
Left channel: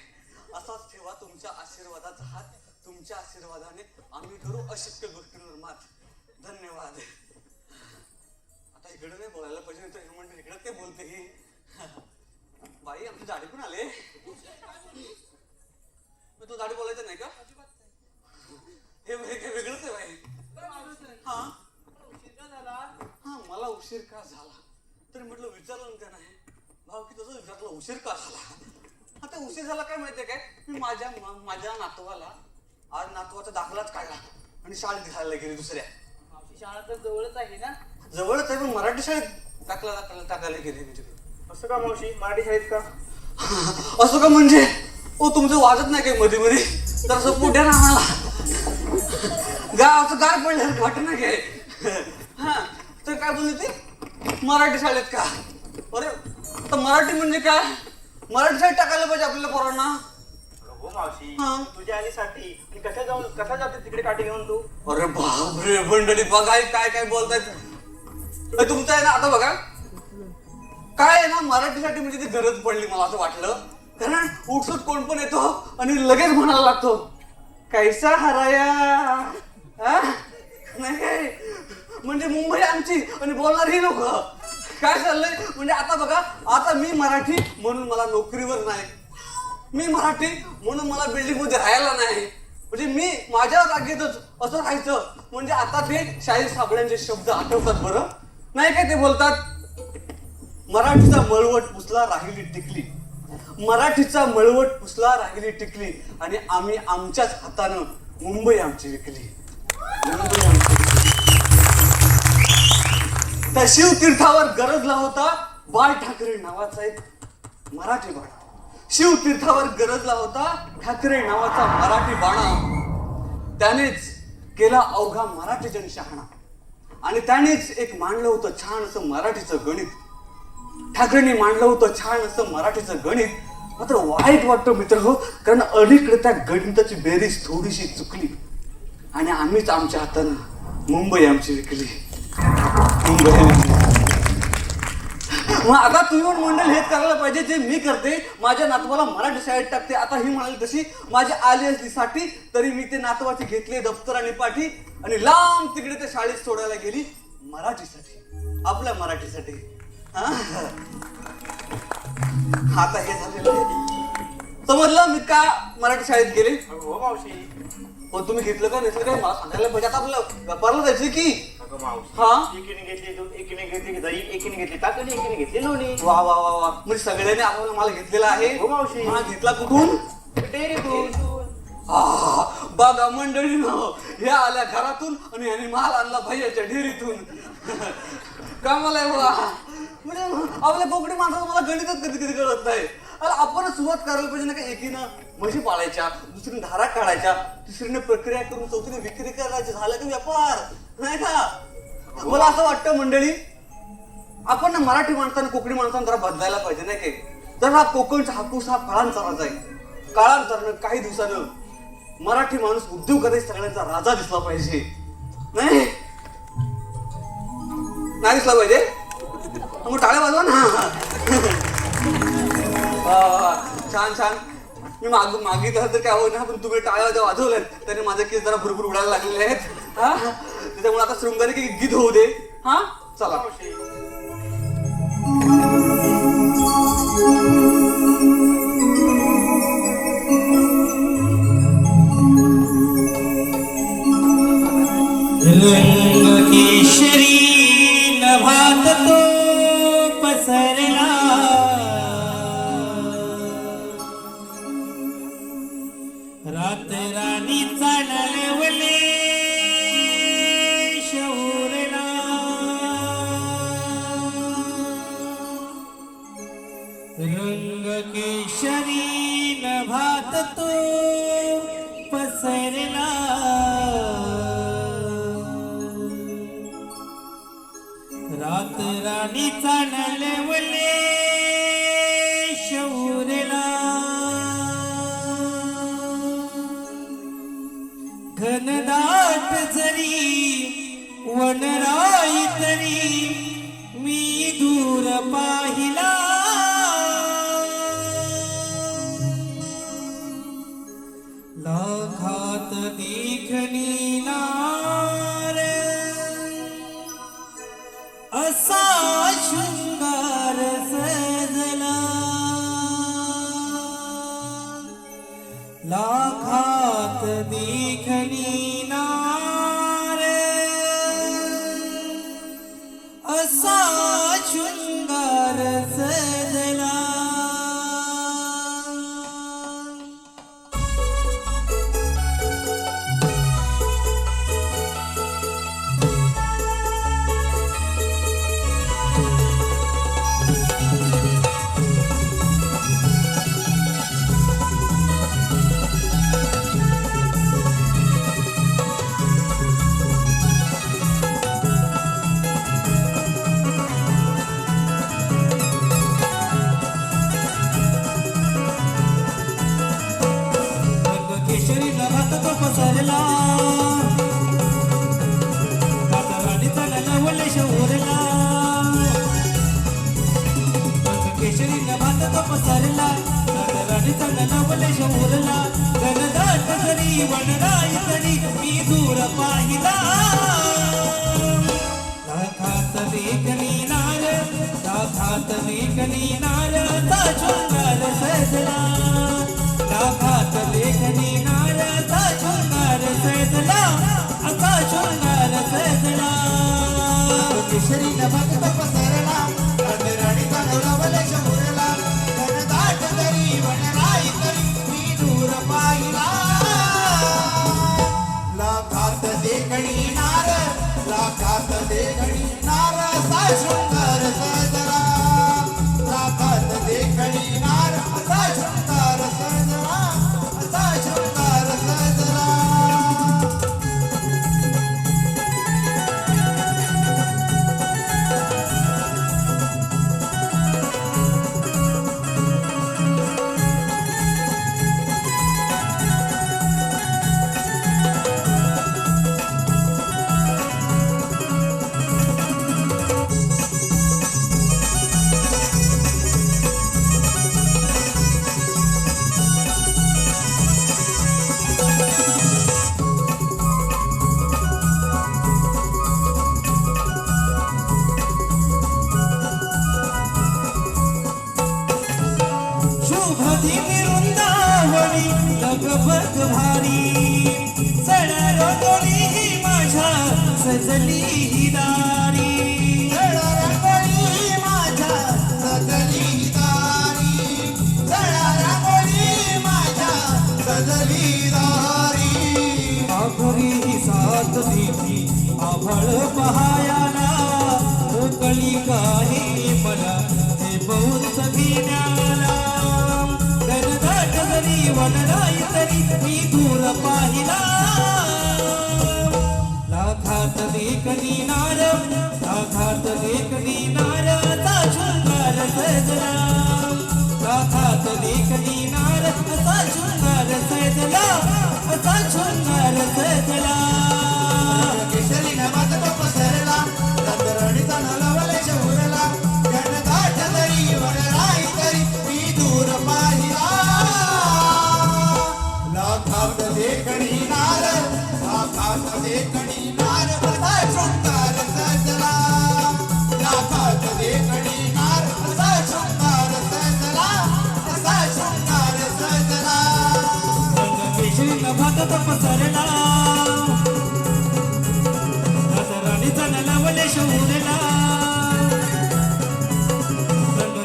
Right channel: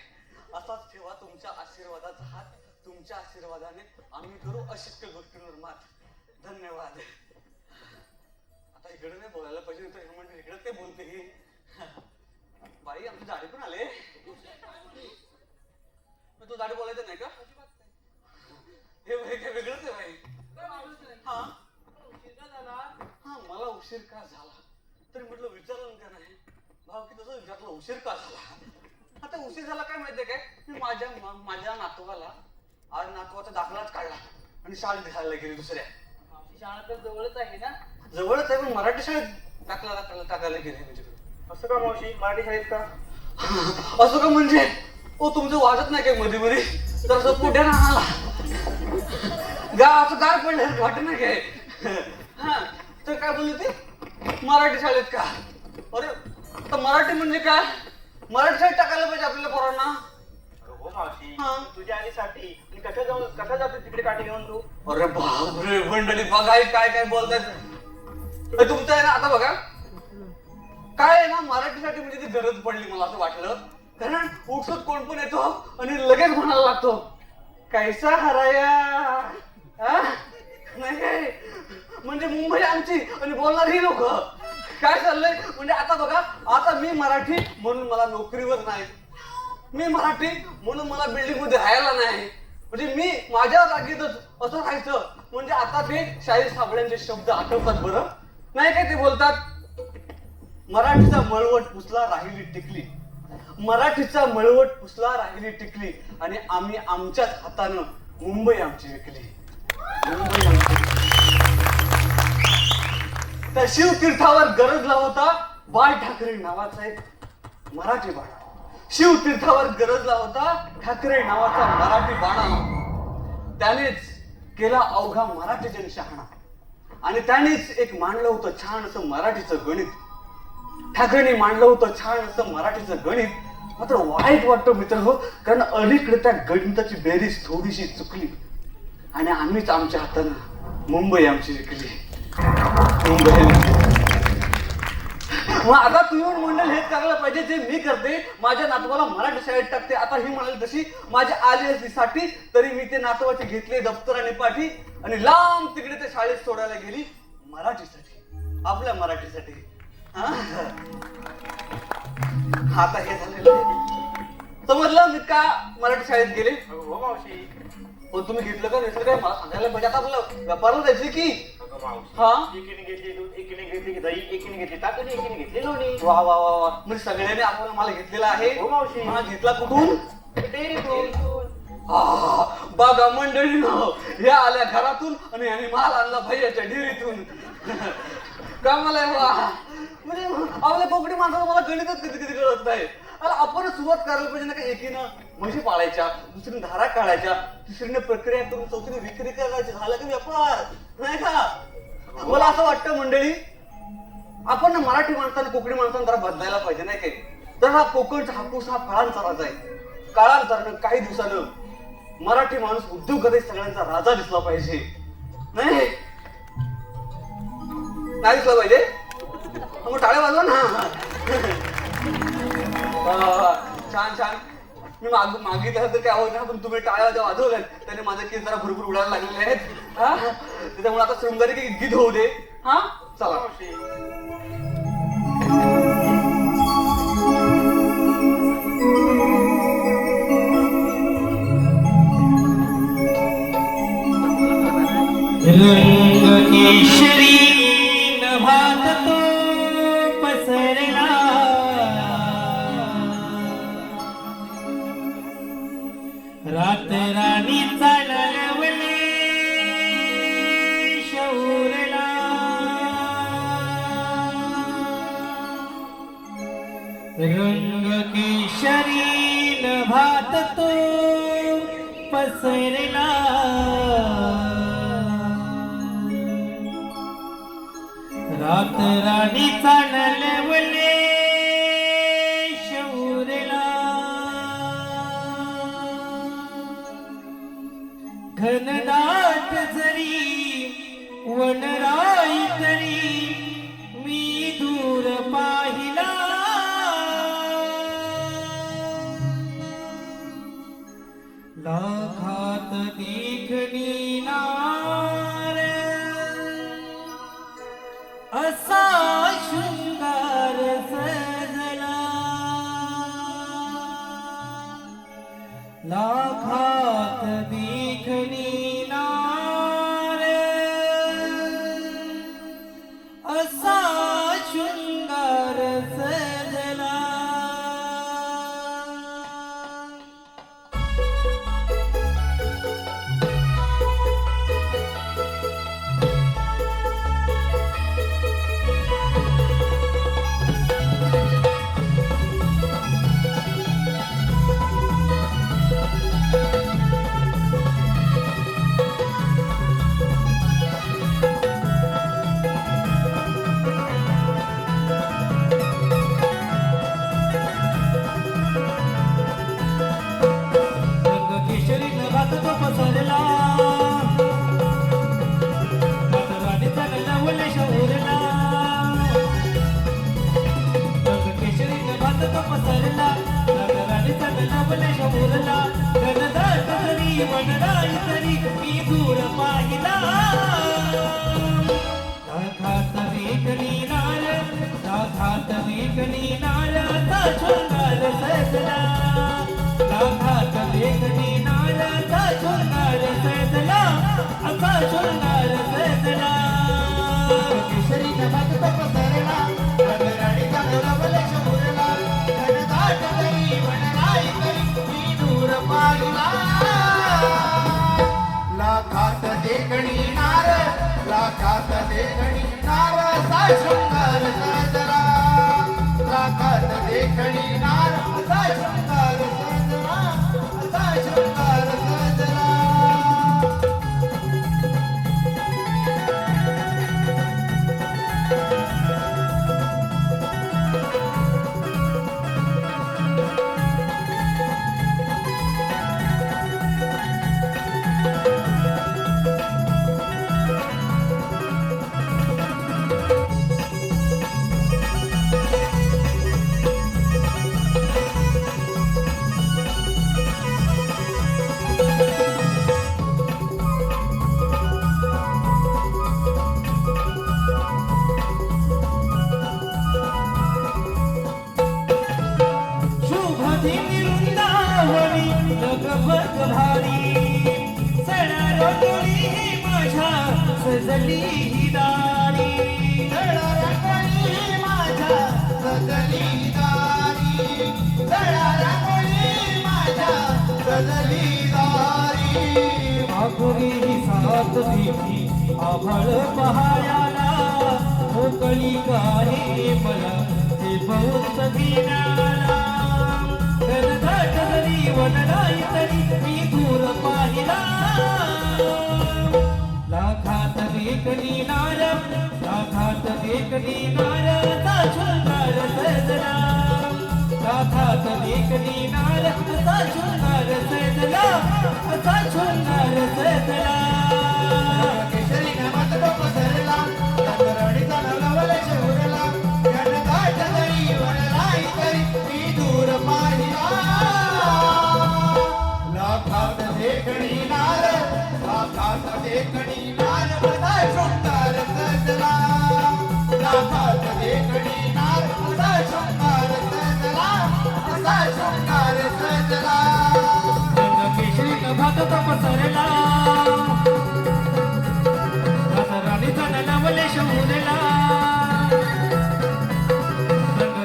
असाच ठेवा तुमच्या आशीर्वादाचा हात. तुमच्या आशीर्वादाने आम्ही करू अशक्य गोष्टींवर मात. धन्यवाद. आता इकडे नाही बोलायला पाहिजे तर म्हणजे इकडे ते बोलते. बाई आमची दाढी पण आले. तू दाढी बोलायचं नाही का? हे वेगळंच आहे बाई. हा मला उशीर का झाला तरी म्हटलं विचारलं का नाही भाऊ की तसं विचारलं उशीर का झाला. आता उशीर झाला काय माहितीये काय मी माझ्या नातवाला आज नातवाचा दाखलाच काढला आणि शाळेत दिसायला गेली दुसऱ्या. शाळा तर जवळच आहे ना. जवळच आहे पण मराठी शाळेत टाकायला गेली. म्हणजे असं का मावशी मराठी शाळेत का? असं का म्हणजे ओ तुमचं वाजत नाही काय मध्ये मध्ये तर असं पुढे ना आम्हाला गावाचं गार पडलं वाटत नाही काय. हा तर काय बोलली ती मराठी शाळेत का? अरे आता मराठी म्हणजे काय मराठी शाळेत टाकायला पाहिजे आपल्या पोरांना. हो मावशी हा. तुझ्या आईसाठी आणि कशा जाते तिकडे काठी घेऊन तू? अरे बापरे मंडळी बघा काय काय बोलतायत. तुमचं आहे ना आता बघा काय आहे ना मराठीसाठी म्हणजे ती गरज पडली मला असं वाटलं. कारण उठसूट कोण पण येतो आणि लगेच म्हणायला लागतो कैसा हराया. नाही म्हणजे मुंबई आमची आणि बोलणार ही लोक. काय चाललंय म्हणजे आता बघा आता मी मराठी म्हणून मला नोकरीवर नाही. मी मराठी म्हणून मला बिल्डिंग मध्ये राहायला नाही. म्हणजे मी माझ्या जागेतच असं राहायचं. म्हणजे आता ते शाहीर साबळ्यांचे शब्द आठवतात बरं नाही काय ते बोलतात मराठीचा मळवट पुसला राहिली टिकली. मराठीचा मळवट पुसला राहिली टिकली आणि आम्ही आमच्याच हातानं मुंबई आमची विकली. त्या शिवतीर्थावर गरजला होता बाळ ठाकरे नावाचा एक मराठी बाळा. शिवतीर्थावर गरजला होता ठाकरे नावाचा मराठी बाळा. त्यानेच केला अवघा मराठी जनशहाणा आणि त्यानेच एक मांडलं होतं छान असं मराठीचं गणित. ठाकरेंनी मांडलं होतं छान असं मराठीचं गणित. मात्र वाईट वाटतं मित्र कारण अलीकडे त्या गणिताची बेरीज थोडीशी चुकली आणि आम्हीच आमच्या हातानं मुंबई आमची विकली. मुंबई मग आता तुम्ही मंडळ हेच करायला पाहिजे जे मी करते. माझ्या नातवाला मराठी शाळेत टाकते. आता ही म्हणाली तशी माझी आली असली साठी तरी मी ते नातवाचे घेतले दप्तर आणि पाठी आणि लांब तिकडे ते शाळेत सोडायला गेली मराठीसाठी आपल्या मराठीसाठी. आता हे झालेलं समजलं मी का मराठी शाळेत गेले. हो मावशी पण तुम्ही घेतलं का घेतलं काय मला सांगायला पाहिजे. आता आपलं व्यापारला जायचं की हा एकीने घेतली दूध एकीने घेतली दही एकीने घेतली ताक आणि एकीने घेतली लोणी. वा वा वा वा म्हणजे सगळ्यांनी आम्हाला मला घेतलेला आहे. हो मावशी. मला घेतला कुठून टेरेतून. बाबा मंडळीनं ह्या आल्या घरातून आणि यांनी माल आणला भैयाच्या डेअरीतून. कामाला म्हणजे आपल्या कोकणी माणसाला मला गणितच कधी कधी कळत नाही. अरे आपण सुरुवात करायला पाहिजे ना का एकीनं म्हशी पाळायच्या दुसरीने धारा काढायच्या तिसरीने प्रक्रिया करून चौथीने विक्री करायची झालं की व्यापार नाही का. मला असं वाटतं मंडळी आपण ना मराठी माणसाने कोकणी माणसाने जरा बदलायला पाहिजे नाही काय. तर हा कोकणचा हापूस हा काळांतराचा आहे. काळांतरानं काही दिवसानं मराठी माणूस उद्योगमध्ये सगळ्यांचा राजा दिसला पाहिजे. नाही दिसला पाहिजे मग टाळे वाजवा ना. छान छान मी मागितलं तर काय होत ना पण तुम्ही टाळ्या वाजवल्यात त्याने माझे केस जरा भरपूर उडायला लागलेले आहेत. हा त्याच्यामुळे आता शृंगारी गीत होऊ दे. हा चला केशरी नभात तो पसरला रात राणीचा नरवले तो पसरला रात राणीचा नलवले शौरला घनदाट जरी वनराई तरी मी दूर पाहिला लाखात देखणी नार असा शृंगार सजला लाखात देखणी नार असा शृंगार सजला केशरीला भात तो पसरला राणीचा नलवले शौरला केशरीला भात तो पसरला राणीचा नलवले शौरला घनदाट जरी वनराई तरी मी दूर पाहिला लाखात देखणी नार लाखात देखणी नार असा शृंगार सजला लाखात देखणी नार असा शृंगार सजला असा शृंगार सजला केशरीला भात तो पसरला राणीचा नलवले शौरला घनदाट जरी वनराई तरी मी दूर पाहिला लाखात देखणी नार लाखात देखणी नार असा शृंगार सजला लाखात देखणी नार असा शृंगार सजला असा शृंगार सजला शुभदिनी वृंदावनी लगबग भारी सडरगोळी माझ्या सजली ही दारी जळरगोळी माझ्या सजली दारी जळरगोळी माझ्या सजली दारी आखरी साथ देवी आभाळ पहायाला मोकळी आहे मला हे बहुत घेणारा घनदाट जरी वनराई तरी मी दूर पाहिला लाखात देखणी नार लाखात देखणी नार असा शृंगार सजला लाखात देखणी नार असा शृंगार सजला असा शृंगार सजला केशरीला भात तो पसरला राणीचा नलवले शौरला घनदाट जरी वनराई तरी मी दूर पाहिला लाखात देखणी नार लाखात देखणी नार असा शृंगार सजला लाखात देखणी नार असा शृंगार सजला असा शृंगार सजला केशरीला भात तो पसरला राणीचा नलवले शौरला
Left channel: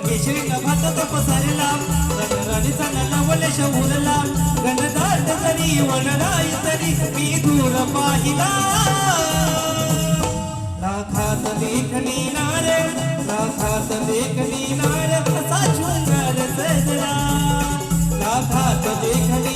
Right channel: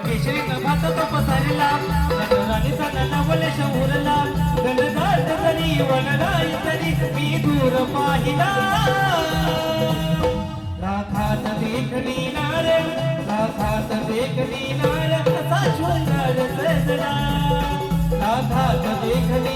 केशरीला भात तो पसरला राणीचा नलवले शौरला घनदाट जरी वनराई तरी मी दूर पाहिला लाखात देखणी नार लाखात देखणी नार असा शृंगार सजला लाखात देखणी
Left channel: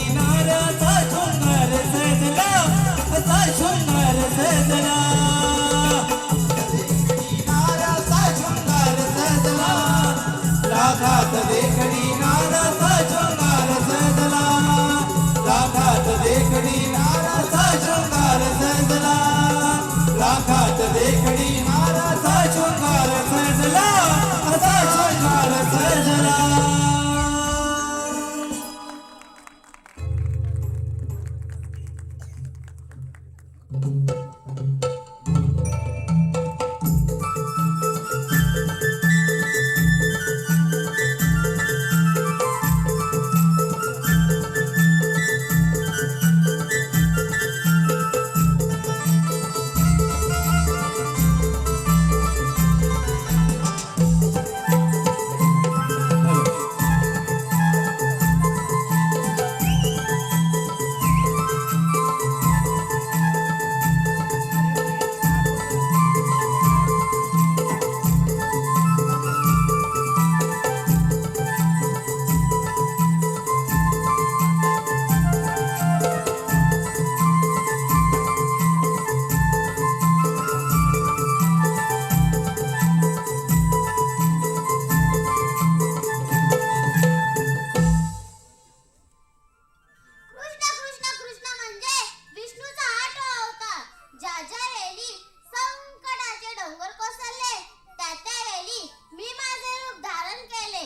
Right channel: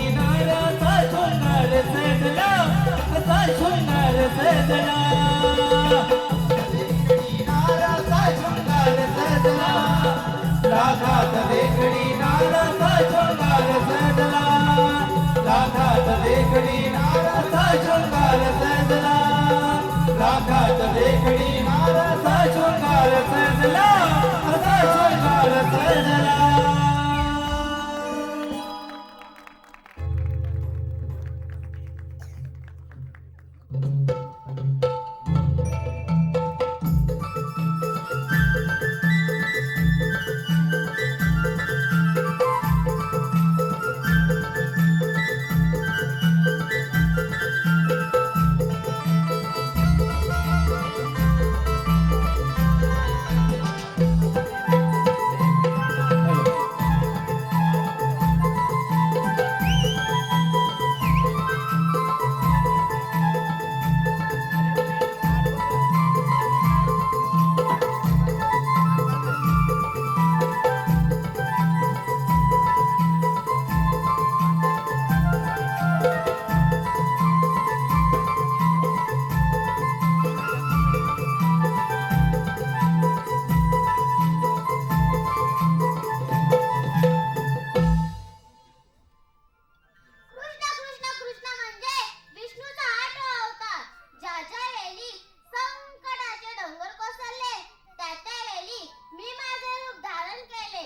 कृष्ण कृष्ण कृष्ण म्हणजे विष्णूचा आठवा अवतार. ज्या ज्या हेली संकटाचे डोंगर कोसळले त्या त्या हेली मी माझे रूप धारण केले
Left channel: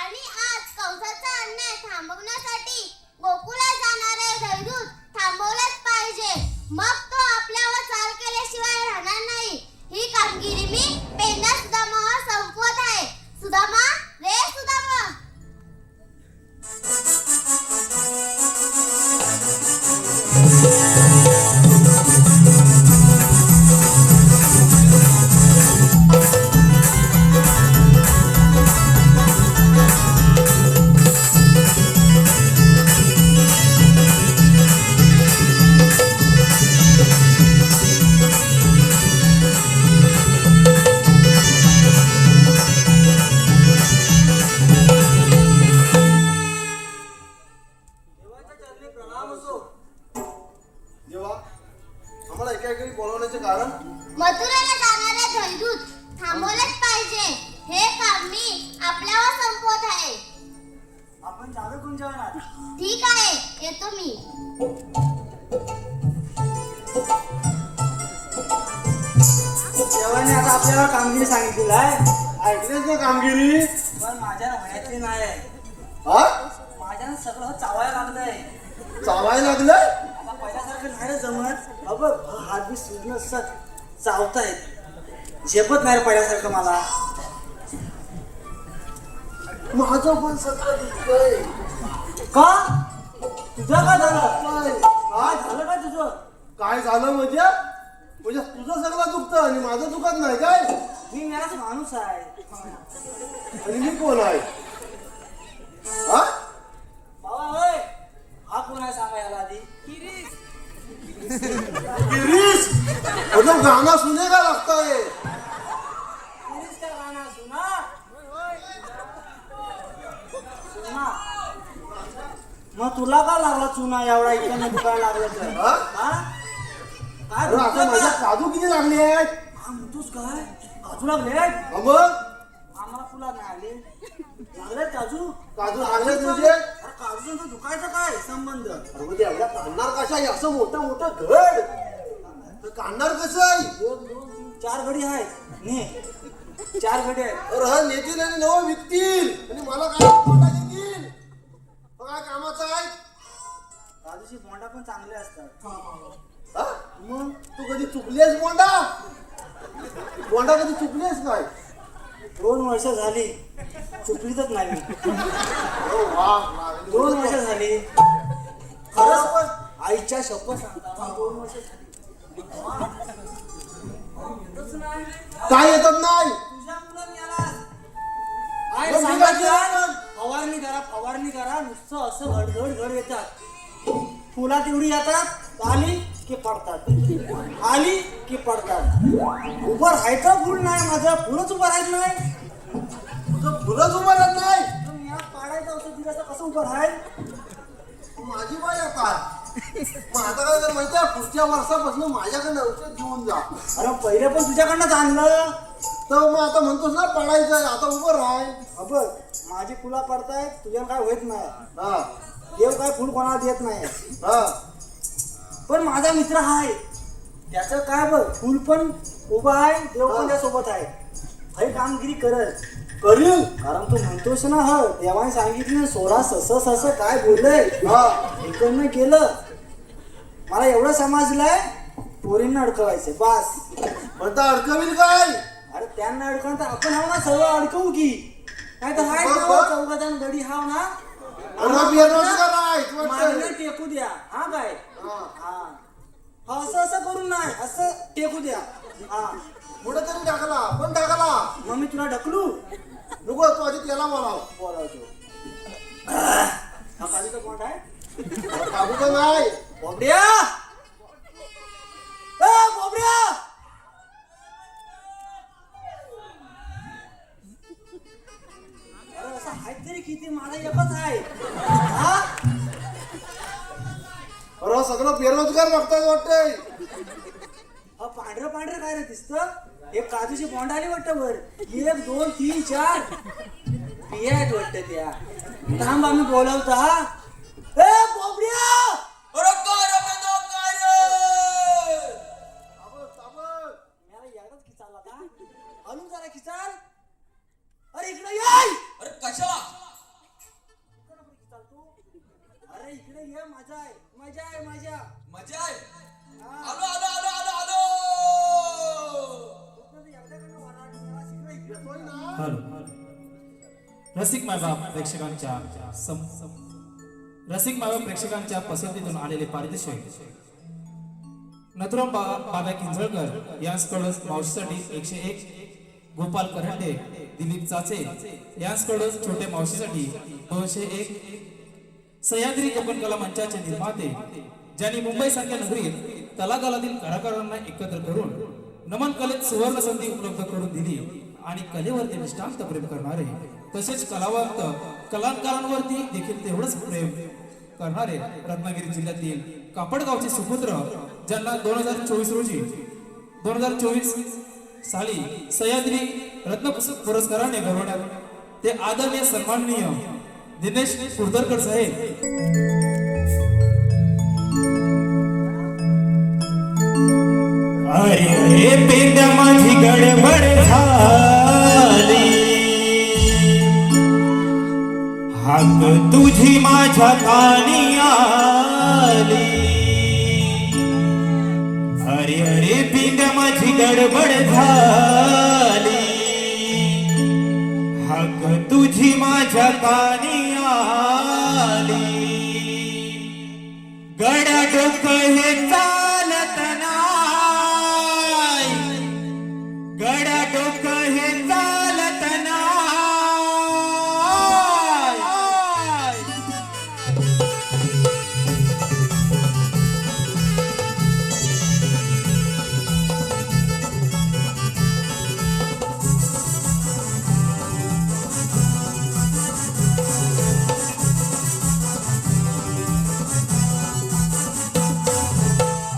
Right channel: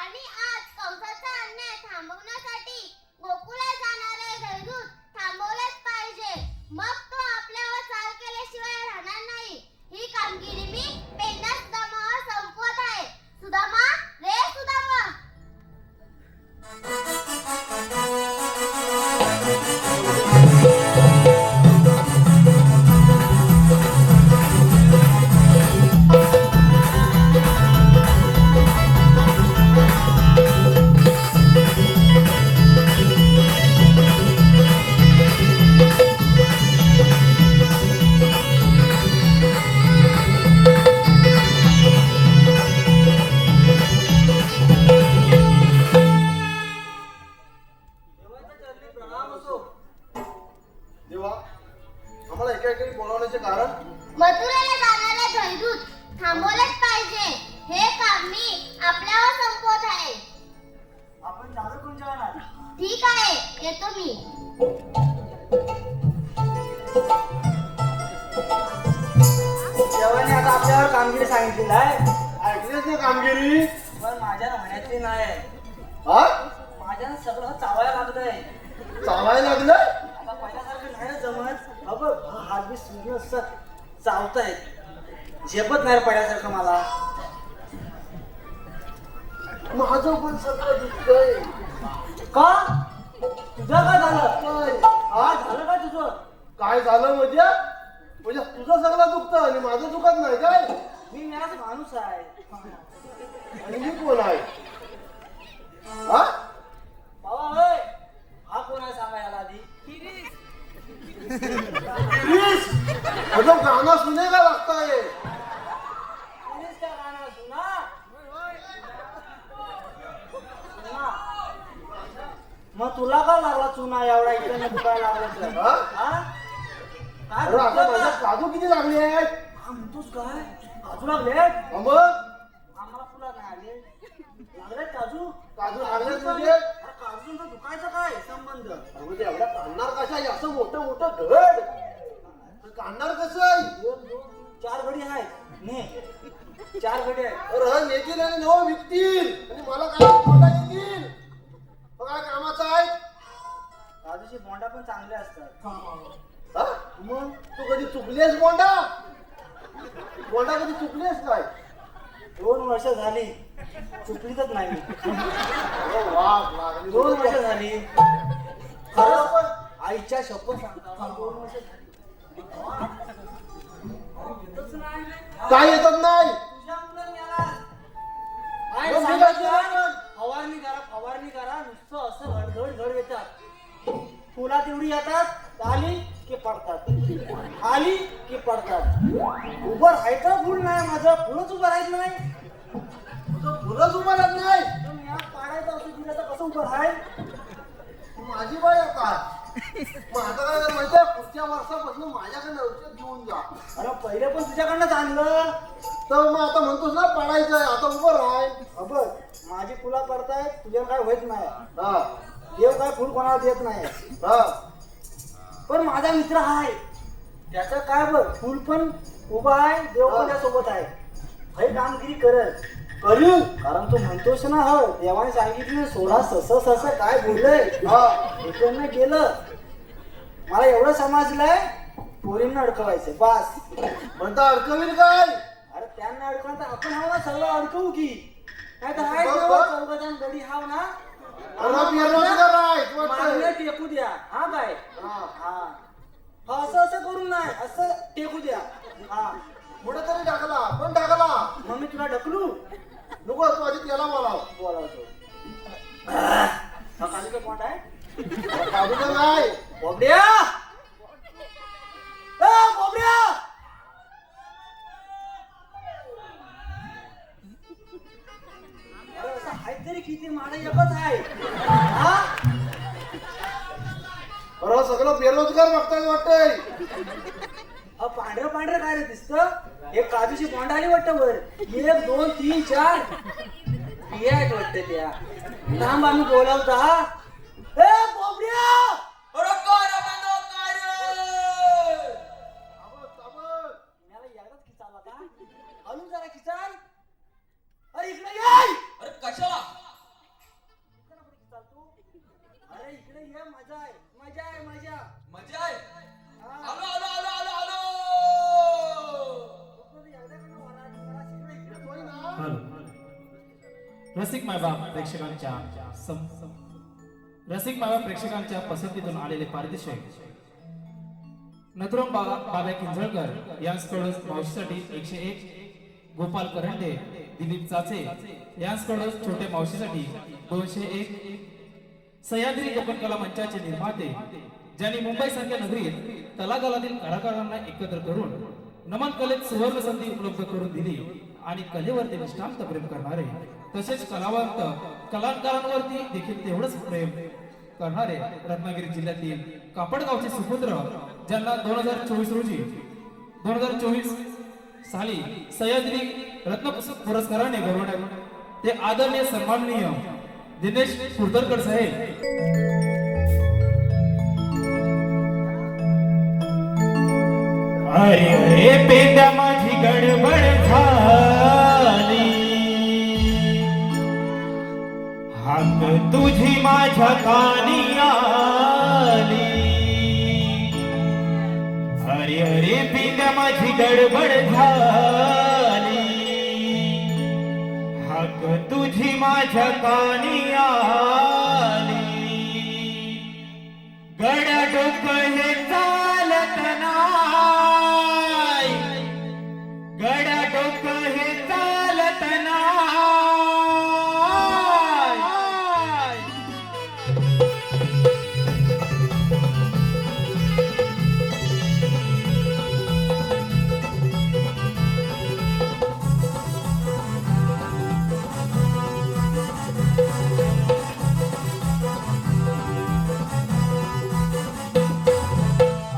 आणि आज कंसाचा अन्याय थांबवण्यासाठी गोकुळात जाणारे दैदूत थांबवलेच पाहिजे. मग तो आपल्यावर चाल केल्याशिवाय राहणार नाही. ही कामगिरी मी पेंडा सुदामावर संपवत आहे. सुदामा रे सुदामा. देवा आम्हाला एका एकाने बोलावण्याचे कारण मथुरेला जाणारे दैदूत थांबवलेच पाहिजे. हे काम मी आपल्यावर संपवत आहे. आपण चालू कोण जाणार? ठीक आहे, येतो मी. देवाने आता आपल्यावर कामगिरी सांगितलेली आहे, ऐकलेच ना कामगिरी. पण माझ्या राहण्याची नाही. हा माझ्यानं सगळं चावायला लागलंय. चावायला लागलं. आता पहिल्यासारखं नाही जमत. अगं हात बी सुजलं असं चावतायत. झेपत नाही पहिल्यासारखं मला. माझं पण सगळं दुखतंय. का तुझं काय झालं? काय? हा झालं का तुझं? काय झालं म्हणजे तुझं सगळं दुखतं आणि माझं दुखत नाही काय? मी याच माणूस आहे. आणि मी कोण आहे? हा बाबा होय, हा कोण आहे सांगा याला आधी. गिरीश अगं गाणं सुनेगा लगता है. गिरीश का गाणं सुना. सुना. मग तुला का लागला चुना एवढा इकडे दुखायला लागला तर? हा? हा? काय अरे आता दुखतं माझे का? काजू किती लागले आहेत? हा म्हणतोस काय? काजू लागले? मग आम्हाला तुला लागले. लागले काजू? काजू लागले म्हणजे अरे काजूचं दुखायचं काय संबंध? अरे एवढा काढणार कशा आहे? असं मोठं मोठं घड तर काढणार कसं आहे? 1, 2, 3, 4 घडी आहेत. ने 4 घडी आहेत. अरे हा नेतील आणि नवं विकतील आणि मला काय बोला येतील. काय कामाचं आहे? काजूची बोंडा पण चांगले असतात. हा? मग तू कधी चुकलीस बोंडा कधी चुकलीस काय? 2 वर्ष झाली चुकलीच नाही मी. अरे वा, वा. 2 वर्ष झाली. खरंच पण आईच्या शब्द सांगता 2 वर्ष झाली. काय येतात नाही? तुझ्या मुलांनी याला आई सांगायचं फवारणी करा नुसतं असं घड येतात. फुला तेवढी येतात आली की पडतात, आली की पडतात. उभं राहायचं फुल नाही माझं, फुलच उभं राहायचं नाही. तुझं फुलंच उभं राहत नाही. पाडायचं औषध दिलं तर कसं उभं राहील? माझी बाई आता मग आता काय कर माहिती आहे? पुढच्या वर्षापासून माझ्याकडे औषध घेऊन जा. अरे पहिले पण तुझ्याकडनंच आणलं. तर मग आता म्हणतोस ना पाडायचंय, आता उभं राहाय. बघ माझी फुलं करतायत, तुझ्या काय होत नाही. हा देव काय फुल कोणाला देत नाही. हा पण माझा मित्र आहे, त्याचं काय बघ, फुल पण उभा आहे, देव पण त्यासोबत आहे. हे कामगिरी करत करू, कारण तू म्हणतोस ना, हो देवाने सांगितलं 16 सस काय बोललंय. इकडनं केलं. मला एवढं समजलंय, पोरींना अडकवायचं बस. म्हणता अडकवील काय? अरे त्यांना अडकवून तर आपण हाव ना, सर्व अडकवू की नाही तर हाय चौघजण गडी हाव ना, मागणं टेकू द्या. हा काय हा असं असं करून नाही, असं टेकू द्या. हा पुढे तरी टाकला, पण टाकला. मग मी तुला ढकलू नको, तू आधी त्याला बोलाव. बोलावतो. हा कालीचं कोण आहे? काढूचं नाही. बोबड्या, बोबड्या, असं काहीतरी किती माझा एकच आहे. हा? अरे सगळं बेरोजगार बघताय वाटतंय. पांढरं पांढरं काय रे दिसतं? एक काजूची बोंडाली वाटतं वर. 1 2 3 4 बियात वाटतं त्या. थांब आम्ही बोलावता. ए बोबड्या, अरे काय रे बाबा, काय रे? मला एकदाच खिचाला का? हलू जरा खिचाल. अरे इकडे ये. अरे कशाला? अरे इकडे ये, मजा आहे, मजा आहे, मजा. मजा आहे. हा. आलो आलो आलो आलो आलो. रसिक मायबाप प्रेक्षकांच्या पसंतीतून आलेले पारितोषिक नथुराम बाबा किंजळकर यांच्याकडून मावशीसाठी 101, गोपाल करंडे, दिलीप चाचे यांच्याकडून छोट्या मावशीसाठी 201, सह्याद्री जपन कला मंचाचे निर्माते ज्यांनी मुंबई सारख्या नगरीत कलाकारातील कलाकारांना एकत्र करून नमन कलेत सुवर्ण संधी उपलब्ध करून दिली आणि कलेवरती निष्ठांत प्रेम करणारे, तसेच कलावंत कलाकारांवरती देखील तेवढंच प्रेम करणारे रत्नागिरी जिल्ह्यातील कापडगावचे सुपुत्र, ज्यांना 2024 साली सह्याद्री रत्न पुरस्काराने गौरवण्यात ते आदरणीय सन्माननीय दिनेश कुर्दरकर साहेब. अरे अरे पेंड्या माझी गडबड झाली, हाक तुझी माझ्या कानी आली. अरे अरे पेंड्या माझी गडबड झाली, हाक तुझी माझ्या कानी आली. गड्या डोकं हे चालत नाही, गड्या डोकं हे चालत नाही.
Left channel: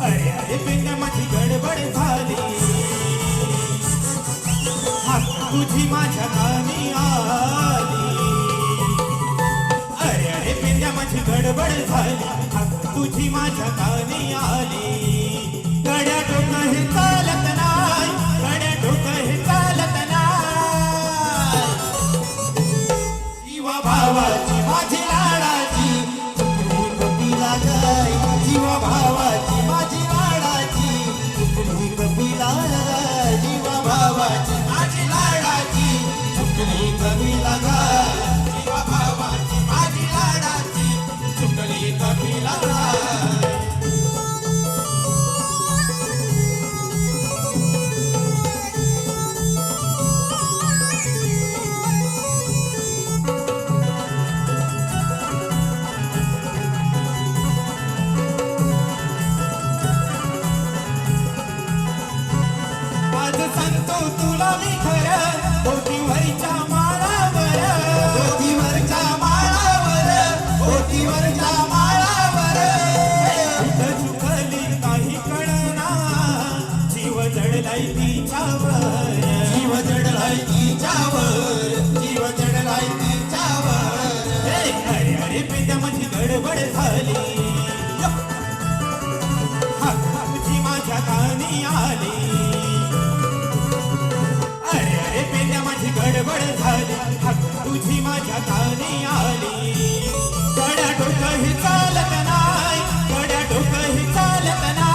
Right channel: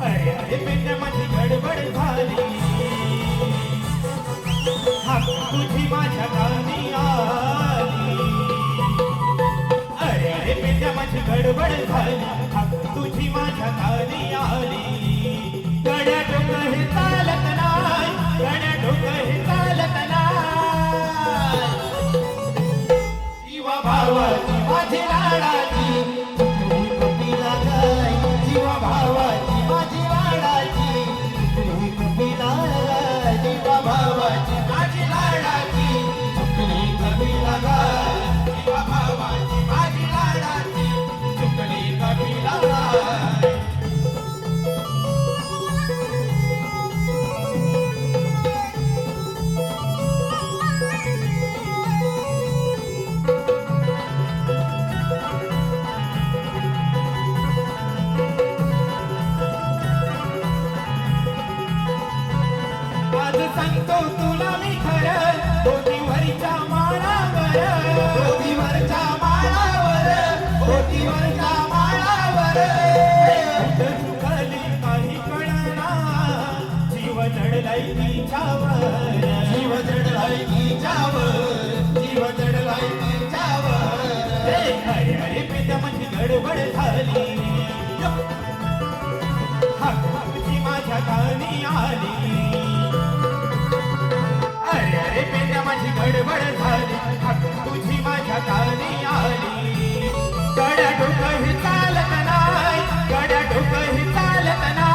अरे अरे पेंड्या माझी गडबड झाली, हाक तुझी माझ्या कानी आली. अरे अरे पेंड्या माझी गडबड झाली, हाक तुझी माझ्या कानी आली. गड्या डोकं हे चालत नाही, गड्या डोकं हे चालत नाही. जीवा भावाची माझी लाडाची तुकडी कपिला गाय, जीवा भावाची माझी लाडाची तुकडी कपिला गाय. जीवा भावाची माझी लाडाची तुकडी कपिला गाय, जीवा भावाची माझी लाडाची तुकडी कपिला गाय. आज सांगतो तुला मी खरं, डोकीवरच्या माळावर, डोकीवरच्या माळावर, डोकीवरच्या माळावर. जडलाय तिच्यावर जीव जडलाय तिच्यावर जीव जडलाय तिच्यावर अरे अरे पित्या माझी गडबड झाली तुझी माझ्या कानी आली अरे अरे पित्या माझी गडबड झाली तुझी माझ्या कानी आली गड्या डोकं ही चालत नाही गड्या डोकं ही चालत नाही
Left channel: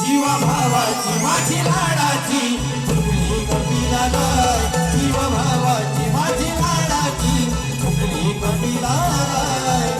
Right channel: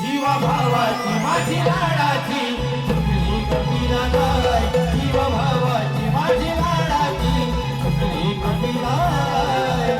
जीवा भावाची माझी लाडाची चुकली कपिला गाय जीवा भावाची माझी लाडाची चुकली कपिला गाय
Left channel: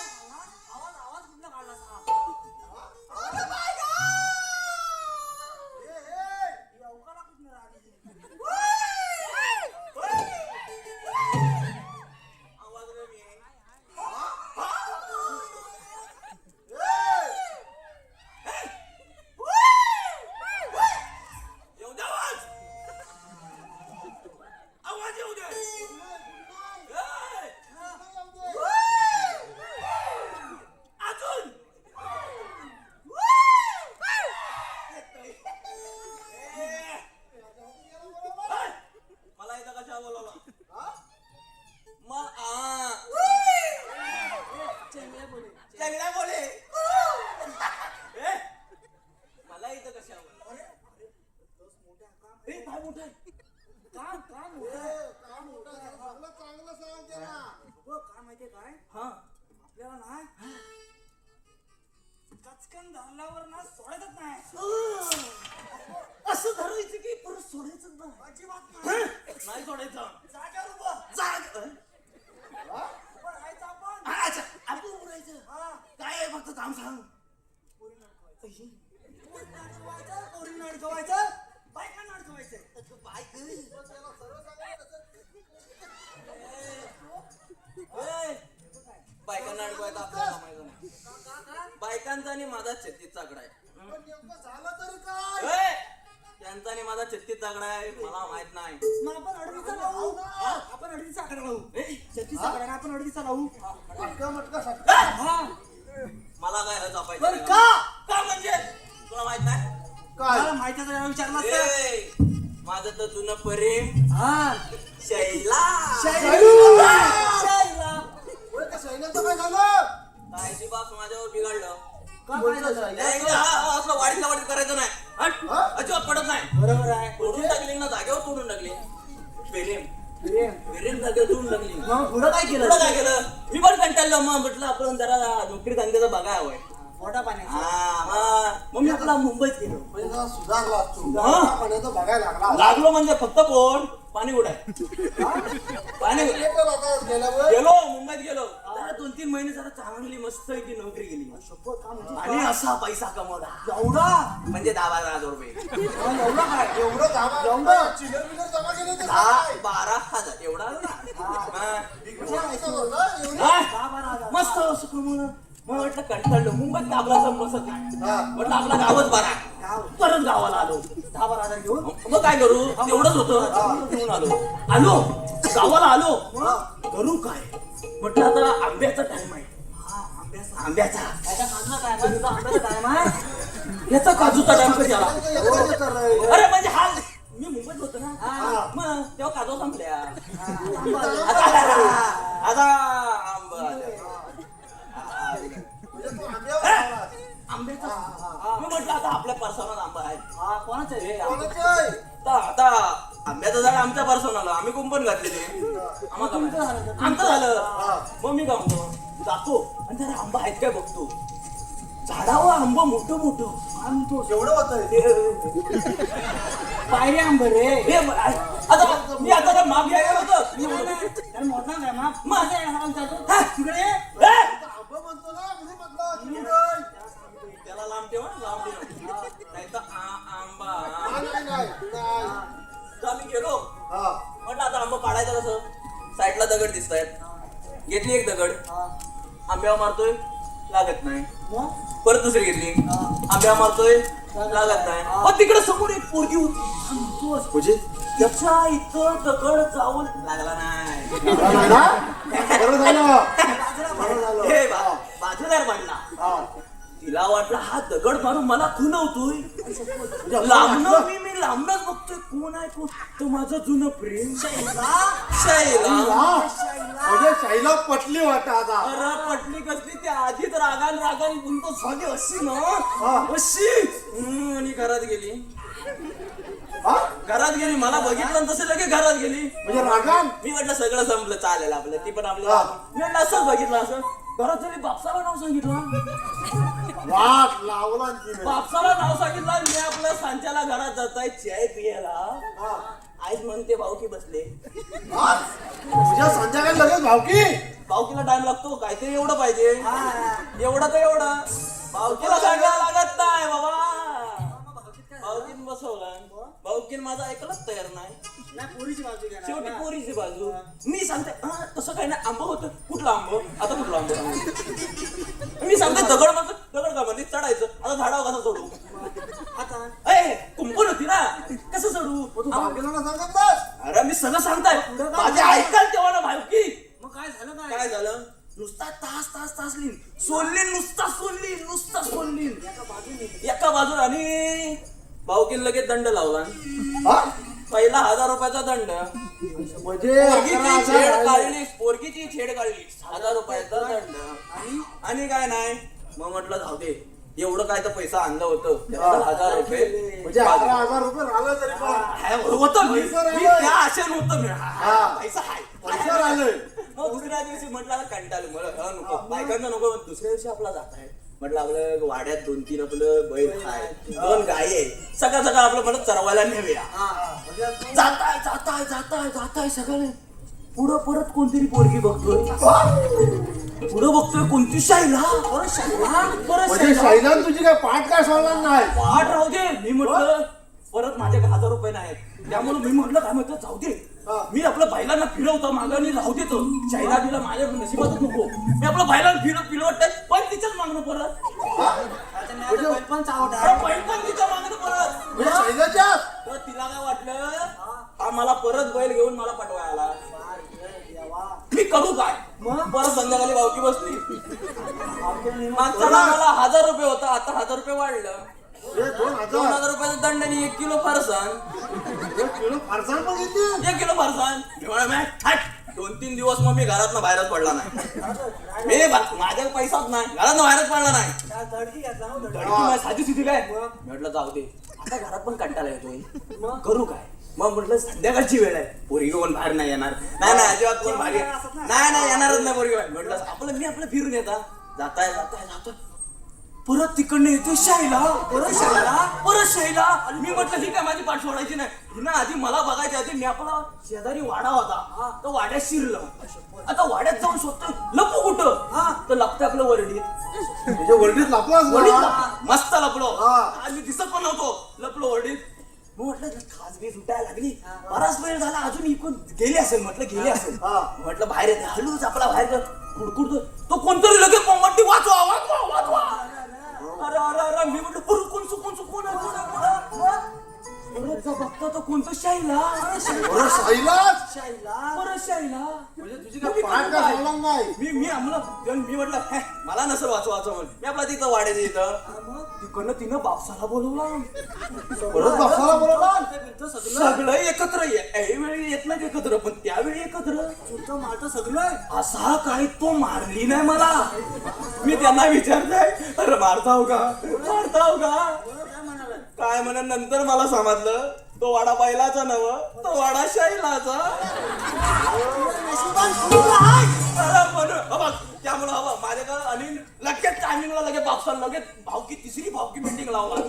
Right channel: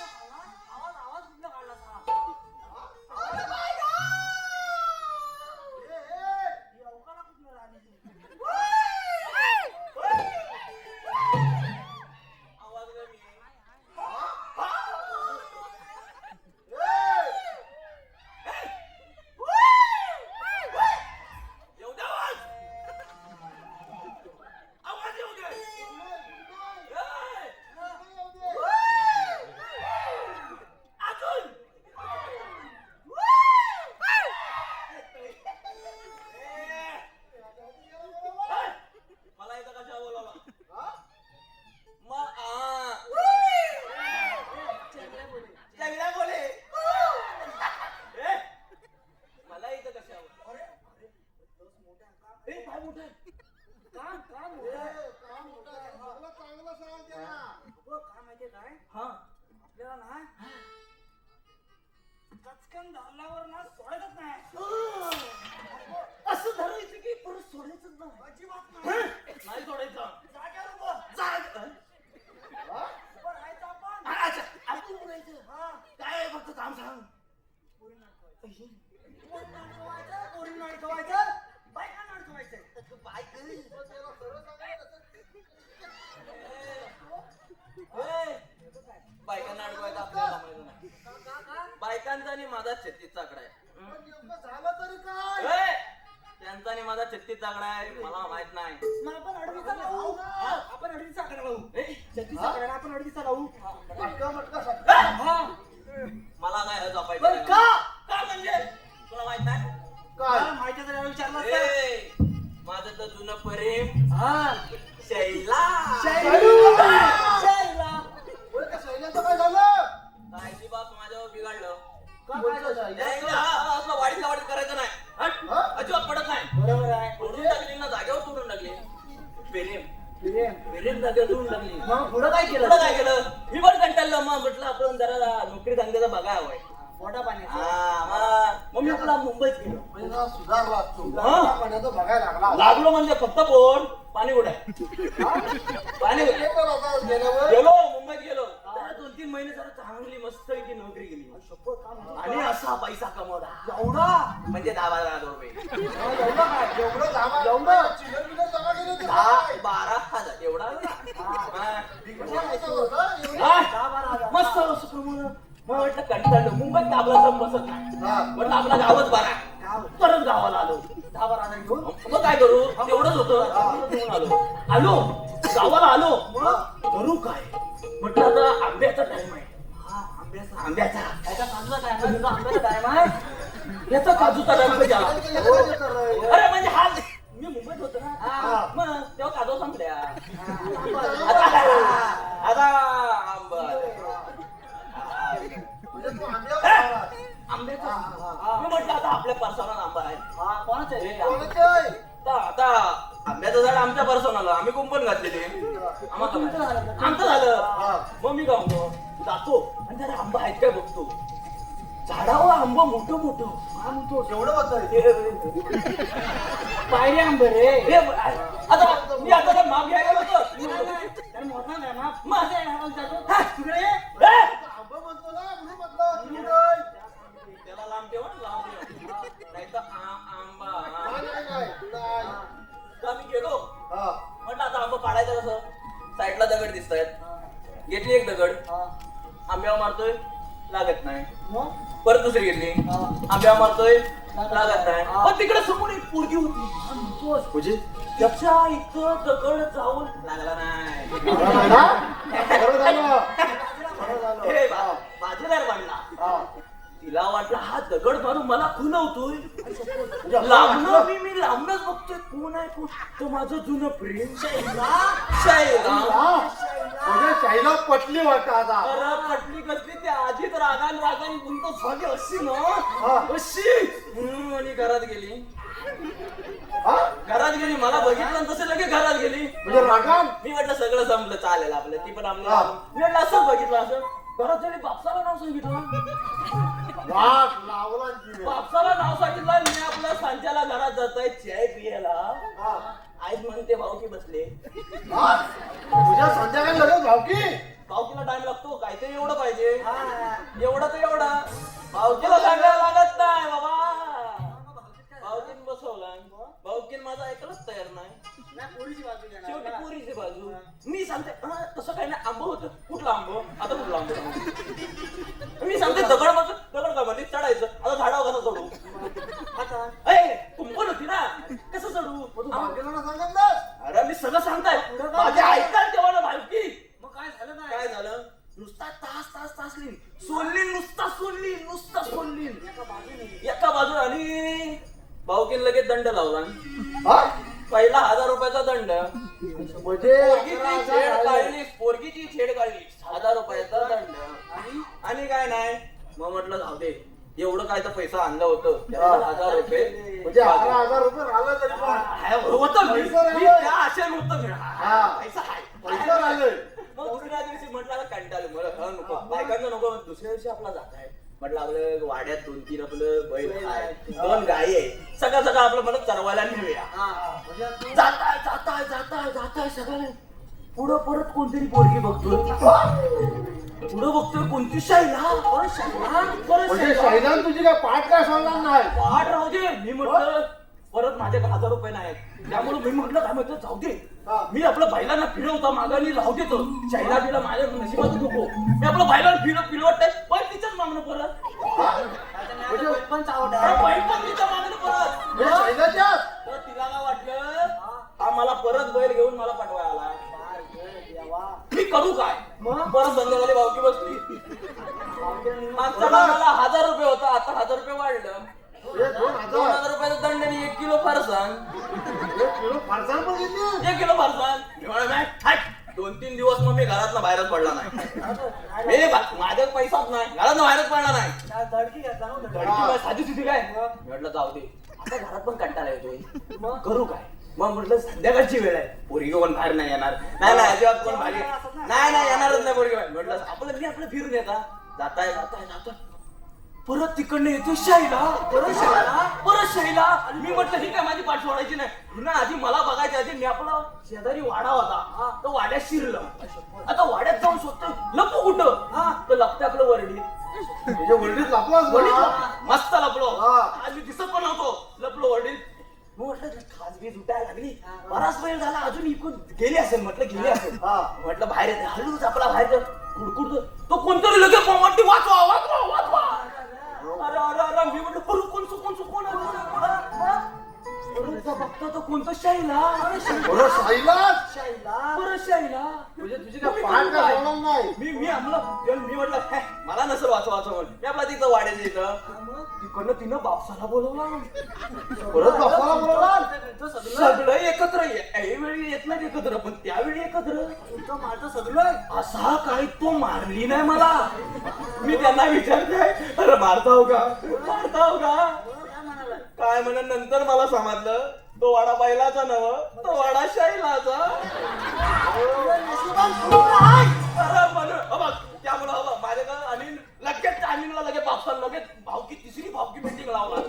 आवाज कुठनं काढला असा? ही अवकाळा कुठनं राहिली? आवाज कमी आहे. येऊ दे आवाज. आवाज येऊ दे. अजून. मला इथं कशा बोलवलं? चेंगड्या बोले. मला इथं कशा बोलवलं? ए, काय मोठं आहे? काम काम मोठं आहे. अगं, काय माहितीये काय आपल्याला ना कचकन धरल्यावर ना सोडायचंच नाही असं धरायचं की परत सोडायचंच नाही अजिबात नाही. नाही सोडायचं. जाग्यावर उभं. उभं राहायचं आपण. अच्छा. आपण उभं राहायचं. काय आहे फक्त काम सांग. पोरींना अडकवायचं, बायकांना अडकवायचं. बायकांना अडकवायचं आपल्याला माहिती नाही. बायकांचा आणि माझा 36 आकडा आहे. त्यांचा आणि माझा 36 आकडा आहे. मला माहित नाही. मग आपण अडवीचा लावू. आपण अडवीचा आकडा लावू. 36 आकडा आहे, आपण अडवीचा लावू. मला काय हरज बरं पाहिजे का? का म्हणजे तुला माहित नाही. मला माहिती आहे, विचारलं असतं. ए, माझं तर जुनं प्रेम हा. शैला. शायरा. काय ती बाप माझ्यावर बिघडलं. का काय झालं? एकदा असलं वाढीतलं वाढीत करायचं नाही. हट. अजिबात पडत नाही. बरोबर आहे. तोडून टाकली ना जागेवर तोडून टाकली. प्रेम प्रेम. प्रेम जागेवर तोडून टाकली. मग पुढं काय पुढं केलं? काय केलं मी पण कंटाळलो. मग म्हटलं आपण जरा नोकरी धंद्याचं बघाय हवंय. पोटा पाण्याचं. मग मी आपला मुंबईत गेलो. बघायला लागला लागलो म्हणजे फक्त पोट पाणी उड्या पाणी गेलो मुंबईत गेलो. जरा 2-3 महिने जरा चांगली मस्त की नोकरी केली आणि असा पैसा कमवला एवढा म्हणजे 10,000 रुपये. एवढं चिल्लर बिल्लर जमा केली होती. 10-12,000 एवढा हा. हा? मस्त असं कमवलं. मग म्हटलं कंटाळलो मुंबईत आपला सम बसत नाही. म्हटलं आपला गावच बरा. परत गावाला आलो. 10-12 घेऊन मग काय करू तेवढंच होतं. आलो गावाला आलो. करू काय म्हटलं आता आंब्याचा टाइम आहे. आंब्याचा याचा काजूचा टाइम आहे, तुझा आंब्याचा टाइम आहे. याचा काजूचा टाइम कधी आला? एकदाच करणार. अरे म्हणजे हा मी मुंबईत होतो ना मग तेव्हा काजू संपल्या. आता आंबा आंब्याचा मी म्हटलं आता आपल्या पर्सनल आंबा आहे. हा, कोणाचं आहे? आता आंब्याचं झाड आमच्या पर्सनल आम्ही कुंपण घातले ते आमचं झालं. मग मी काय म्हणतो जातो आणि जरा आंबा आहेत काय बघतो. झाडावर आंबा मोठं मोठं एवढं होतं. पायरी आंबे रे. आता मी आता मागे गेलो होतो. त्याला मोठा काय माप? मग? माझा आहे, हा विचारतो. तिकडे ये. आंबा म्हणतो ना म्हणून म्हटलं. त्याला लांब ठेवा लांब ठेवा नाही तर आंबा. नाही. आम्ही गेलो हा. म्हटलं आता आंबा पाडायचं कसं साईडला दगड दिसत आहेत. घेतली एक दगड, आंब्यावर मारतोय, लागत नाही. मग परत दुसरी घेतली, आंब्यावर मारतोय, लागत नाही. पण तिकडे समोर एक पोरगी होती. म्हणजे त्याच्या इथं दगड जाऊन लागला नाही. बरं झालं. बरं झालं. हे बाजूला म्हणला, तिला वाटलं हा दगड मारून मला खुणवतोय. लांबनं मी लांबनच बघतोय, कोण आहे कोण? तो माझं जुनं प्रेम शैला. म्हणजे शाईला पटली वाटत आता. अरे पटली कसली, त्या आधीच रागान तुमचं झाली अशी ना अशी. आणि घरात गेली. घरात गेली, मला बघितलं तसे लगेच घरात गेली. म्हणजे रागान मी म्हटलं सगळं संपलं, चालेल आपलं, ती पण आपलं. मी म्हटलं असंच बघितलं, असं घरात गेली, बापसाला नाव सांगितलं. वाट लावला तिने. बापसाला नाव सांगितलं. मी आपल्या सांच्याला घरात जाताय चाय पियाला. आईच म्हणते भाऊकी बसले. तुझ्या संध्याकाळी लगेच भावकी. भाऊकीला टाइम लागतो, काहीतरी एवढं पाहिजे. एवढं तर एवढं. भाऊकीला सांगायला लागत नाही बाबा. भाऊकीन बसवला, भाऊकीन माझा ऐकलंच तयार नाही. पोरीची बाजू घ्या ना. शेवटी पोरीची बाजू. मी सांगते तसं काही नाही, आंबं होतं. कुठलं आंबं? आता कुठलं आंबं? मी सांगते दगड मग दगड का म्हणजे चढायचं. आता झाडावर कसं चढू? ए कुंपण होती ना, कसं चढू? सांगत नास. अरे मी सगळं सांगताय, माझे ऐकाल तेव्हा ना भावकी. मग काय झालं काय? काय झालं? नुसता तास लिहिन सोडलीन, नुसता सोडलीन एका बाजूला. आणि भावकीन लगेच दंड लावला. पहिला 1000 रुपयाचा दंड. म्हणजे पोरगीची छेड काढली 1000 रुपयाचा दंड. आणि काय नाही, मग म्हटलं जाऊ दे, एवढं काय तर पैसा आणलं होतं, 1000 रुपये. म्हणजे 11,000 रुपये झालं तरी पण. होतं मी त्या आशेन होतं मी. पैसा आहे, पैशावर आलोय. मग दुसऱ्या दिवशी म्हटलं कंटाळले मला, नको बायकांना नको. दुसऱ्या दिवशी आपला जात आहे म्हटलं, आपलं वाड्यात 2-3 आपलं बैल आहे, 2 गाय आहे, सगळं आपलं म्हणत चरवायला नेऊया. जाताय सगळं. पुढं परत कोणतरी पोरगी बघतोय. पुढं बघतोय कोणती शाईला. म्हणजे शाईला तुझी काय पाठ काय सोडला नाही. पाठ राहू दे. मी म्हटलं परत माझ्याकडे 1000 रुपये नाही, त्यामुळे मी म्हटलं काय म्हटलं जाऊ दे. मी आपलं बैलांना फिरवता मागाने राहू देतो. शाईला तिला माझ्या नशिबात नको. मी आपलं बैलांना फिरवतंय, पण तिच्याच मागणं परत. पण चावट बैल पण तिच्या मागणं परत. म्हणजे शाईलाच्या तर तिला काय वाटलं, हा मला परत बैल घेऊन मला पटवायला. मी करू काय? परत संध्याकाळी भावकी बसली. मागचा मला 1000 रुपये होता, आता 1000 रुपये वाढलं. 2000 रुपयाचा दंड आणि 1 किलो फरसाण. 1 किलो फरसाण. मी म्हणा 2-3 दिवस मग मी घरातनं बाहेरच पडला नाही. माझ्या पैसाच नाही, घरातनं बाहेरच पडला नाही. धडकी घेतला ना. धडकी साधी सुधी काय. म्हटलं जाऊ दे, आता घरात पण कंटाळा येतोय, मग करू काय? मग म्हटलं संध्याकाळची वेळ आहे, पोरगी कोण बाहेर नाही येणार. नाही अजिबात कोण बाहेर नाही येणारच नाही पोरगी. म्हटलं मी आपलं फिरून येता. जाताय परत तिकडनं येते शाईला. परत शाईला. मी म्हटलं ही काय माझी पाठ सोडायची नाही. हिनं आधी मला बघायच्या आधी मी आपला शेजारी वाडा होता, तो वाड्यात शिरलं. आता वाड्यात जाऊन शोधतोय, लपू कुठं? तर लपतं आपलं वरडीत. म्हणजे वरडीत लपलास. मस्त लपलो. आणि दिसत पण होतो, लपलो वरडीत. मग म्हटलं खासबी उठायला लागली. बराच वेळ झाला, अजून इकडून गेली असेल. म्हटलं बाहेर येते, हळूच आपला बाहेर कुडकुडतो. तो कोणतरी लगेच वाटते, वाचवा. अरे मी म्हटलं कोण बघतो तर कोणतं शाईला. म्हणजे तुझी काय पाठ काय सोडला नाही. मी म्हटलं मला नसेल वाचवा म्हणून मी आपला तिथं वाड्याच्या इथं. तिकडनं तिनं बापसाला बोलवला. परत बापाला बोलवणार. सगळं एकत्र ऐवेळी येत नाही एकत्र, पण त्यावेळी एकत्र. माझं सगळं असा काही तो मारली नाही मला. मी त्यांना विचारते, अरे मारताव का? काय म्हणा. नंतर मला समजलं तो वाडा बैलाचा नव, तो वाडा शैलाचा. त्यामुळे हवं माझ्याकडे. आणि लगेच टायमिंगला लगेच बापसाला लगेच तिसरी भावकी मीटिंग लावला.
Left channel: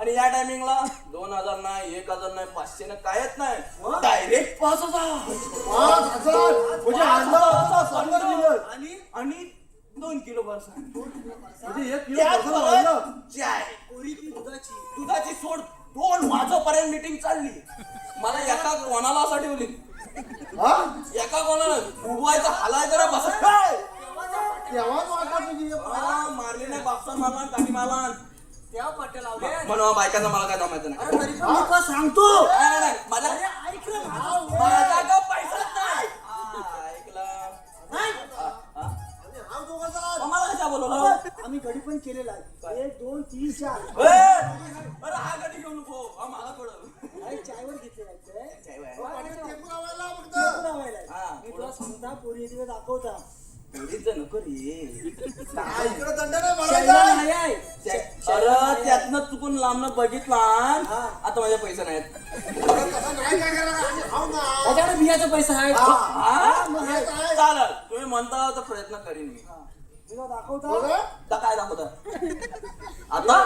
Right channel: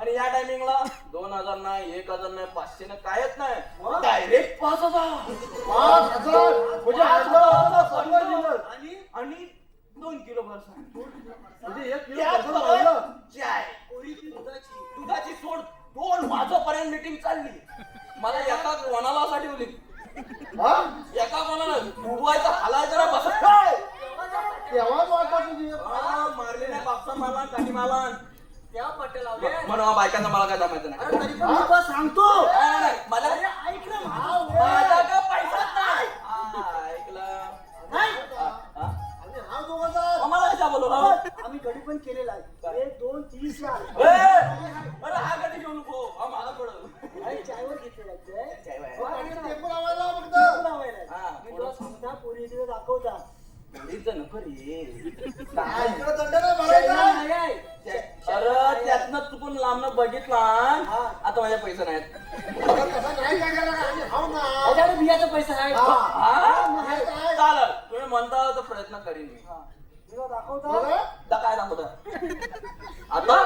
आणि या टायमिंगला 2000 नाही, 1000 नाही, 500 नाही, कायच नाही, डायरेक्ट 5000. म्हणजे आणि 2 किलो फरसाण. म्हणजे 1 किलो फरसाण वाढलं. चाय दुधाची सोड 2 वाजोपर्यंत मीटिंग चालली. मला एका कोणाला साठी होती, एका म्हणून बायकांना मला काय जमायचं नाही. अरे तरी पण मी तुला सांगतो. नाही, नाही, माझ्या अरे ऐक ना माझं. माझ्याकडे पैसाच नाही. ऐकलं? ऐक. हा? हा दोघांचा मला कशा बोलवलं? आम्ही गडी पण केलेला आहे. 1 2 3 4 अरे हा गडी घेऊ नको. हा मला कळलं. चायवर घेतलेला आहे. टेम्पो लावायला फक्त. टेम्पो लावायला आहे. हा. मी तुला सांगता पोरी तिथे दाखवता. एवढीच जण नको रे. इकडे दंड नाही शैला भरायचा. नाही आहे. अरे त्यातनं चुकून लांबनं बघितला आता माझे पैसे नाहीत. तसं नाही काय करायला पाहिजे. हो ना. त्याच्याकडे बियाचा पैसा आहे. हा? चालेल तुम्ही म्हणता तर प्रयत्न करीन मी. तुला दाखवता. बरं? आता काय दाखवता आता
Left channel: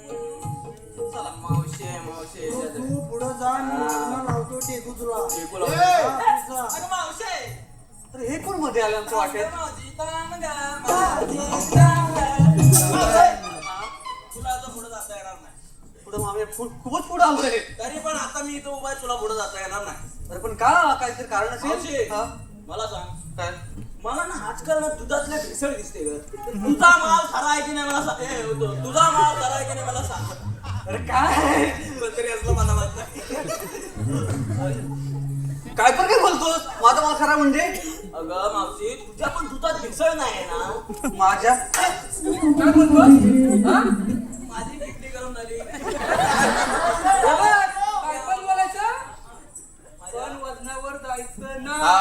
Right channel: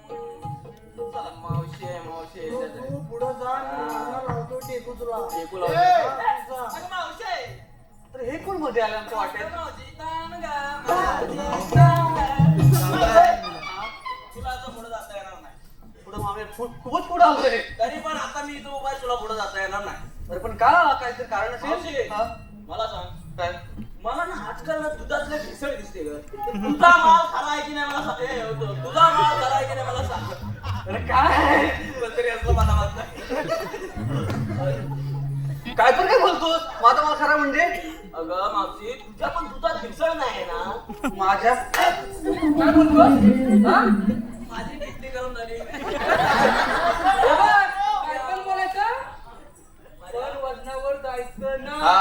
चला मावशी तू पुढं जा. मी नाव लावतो टेकू तुला. अगं मावशी अरे हे कोण मध्ये आलं आमचं वाटेत तुला आता पुढे जाता येणार नाही पुढे मागे खूपच पुढे आलोय तरी पण आता मी इथं उभा आहे, तुला पुढे जाता येणार नाही तरी पण काय आला काहीतरी कारण असेल हा? मला सांग काय मला ना आजकाल ना दुधातले भेसळ दिसते ग तुझा माल खरा आहे की नाही मला सांग तुझा माल खरा आहे की नाही मला सांग अरे काय तरी असं मला वाटतं काय तर काय बोलतोस माझा माल खरा म्हणजे अगं मावशी तुझ्या पण दुधात भेसळ नाही ना माझ्या काय बोलतोस हा? माझी किडनी करून झाली काय पण बोलायचं पण वजनावर जायचं ना हा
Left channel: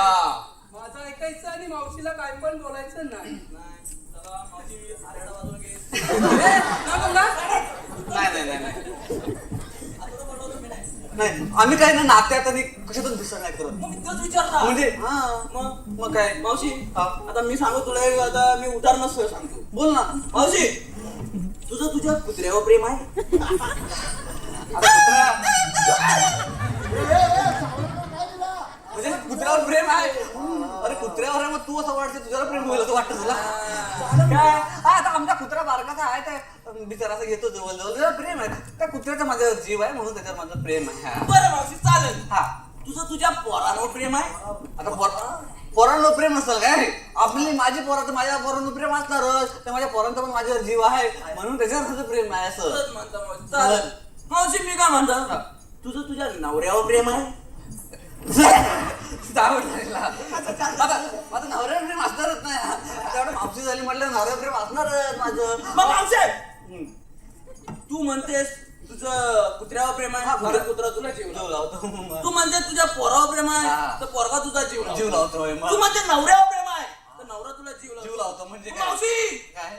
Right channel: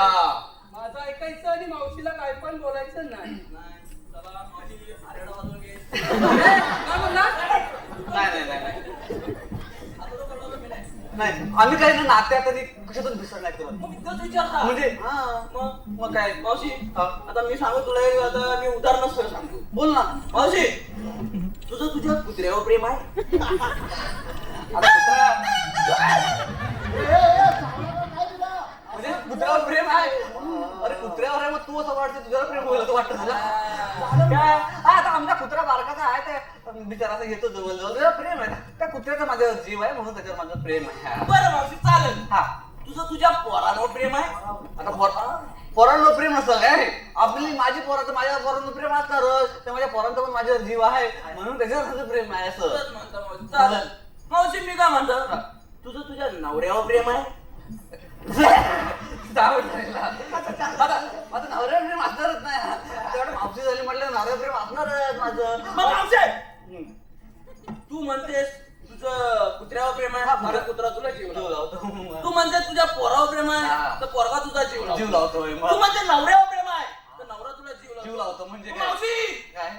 माझं ऐकायचं आणि मावशीला काय पण बोलायचं नाही नाही चला माझी आरेडा वाजवून घे काय बोलला? नाही नाही नाही नाही आम्ही काय ना नात्यात आणि कशातच भिसळ नाही करत म्हणजे हा मग काय मावशी आता मी सांगू तुला आता मी उदाहरण सांगतो बोल ना मावशी तुझं तुझ्या कुत्र्यावर प्रेम आहे म्हणजे कुत्र्यावर प्रेम आहे अरे कुत्र्यावर आहे मग तू असं वाटतं तुझ्यावर प्रेम होईल असं वाटतं तुला काय आता आमच्या कुत्रा बारकाचा आहे ते बिचारा असं येतो जवळ जवळ प्रेम आहे त्या कुत्र्याचा माझ्यावर जीव आहे म्हणून त्याच्यावर माझं प्रेम आहे बरं मावशी चालेल हा तुझं तुझ्या पोरांवर प्रेम आहे आता पोरांवर प्रेम नसेल काय आपली माझी पोरा तर माझ्या पोरांवर प्रेम असणारच तर माझ्या पोरांचा पण माझ्यावर जीव आहे म्हणून त्याच्यावर माझं प्रेम आहे असं चालेल मावशी मी काय म्हणतो तुझं तुझ्या नवऱ्यावर प्रेम आहे माझं नवऱ्यावर प्रेम असणारच नाही आता मावशी झाली म्हटलं नवऱ्यावर प्रेम असणारच माझं मग मावशी तू म्हणतेस तुझं कुत्र्यावर प्रेम आहे माझं कुत्रा तुला जीव लावतो तू म्हणते तुझ्या पोरावर प्रेम आहे तर पोरगा तुझा जीव लावतोय तू म्हणते नवऱ्यावर प्रेम आहे तर नवरा तुला जीव लावतो म्हणजे काय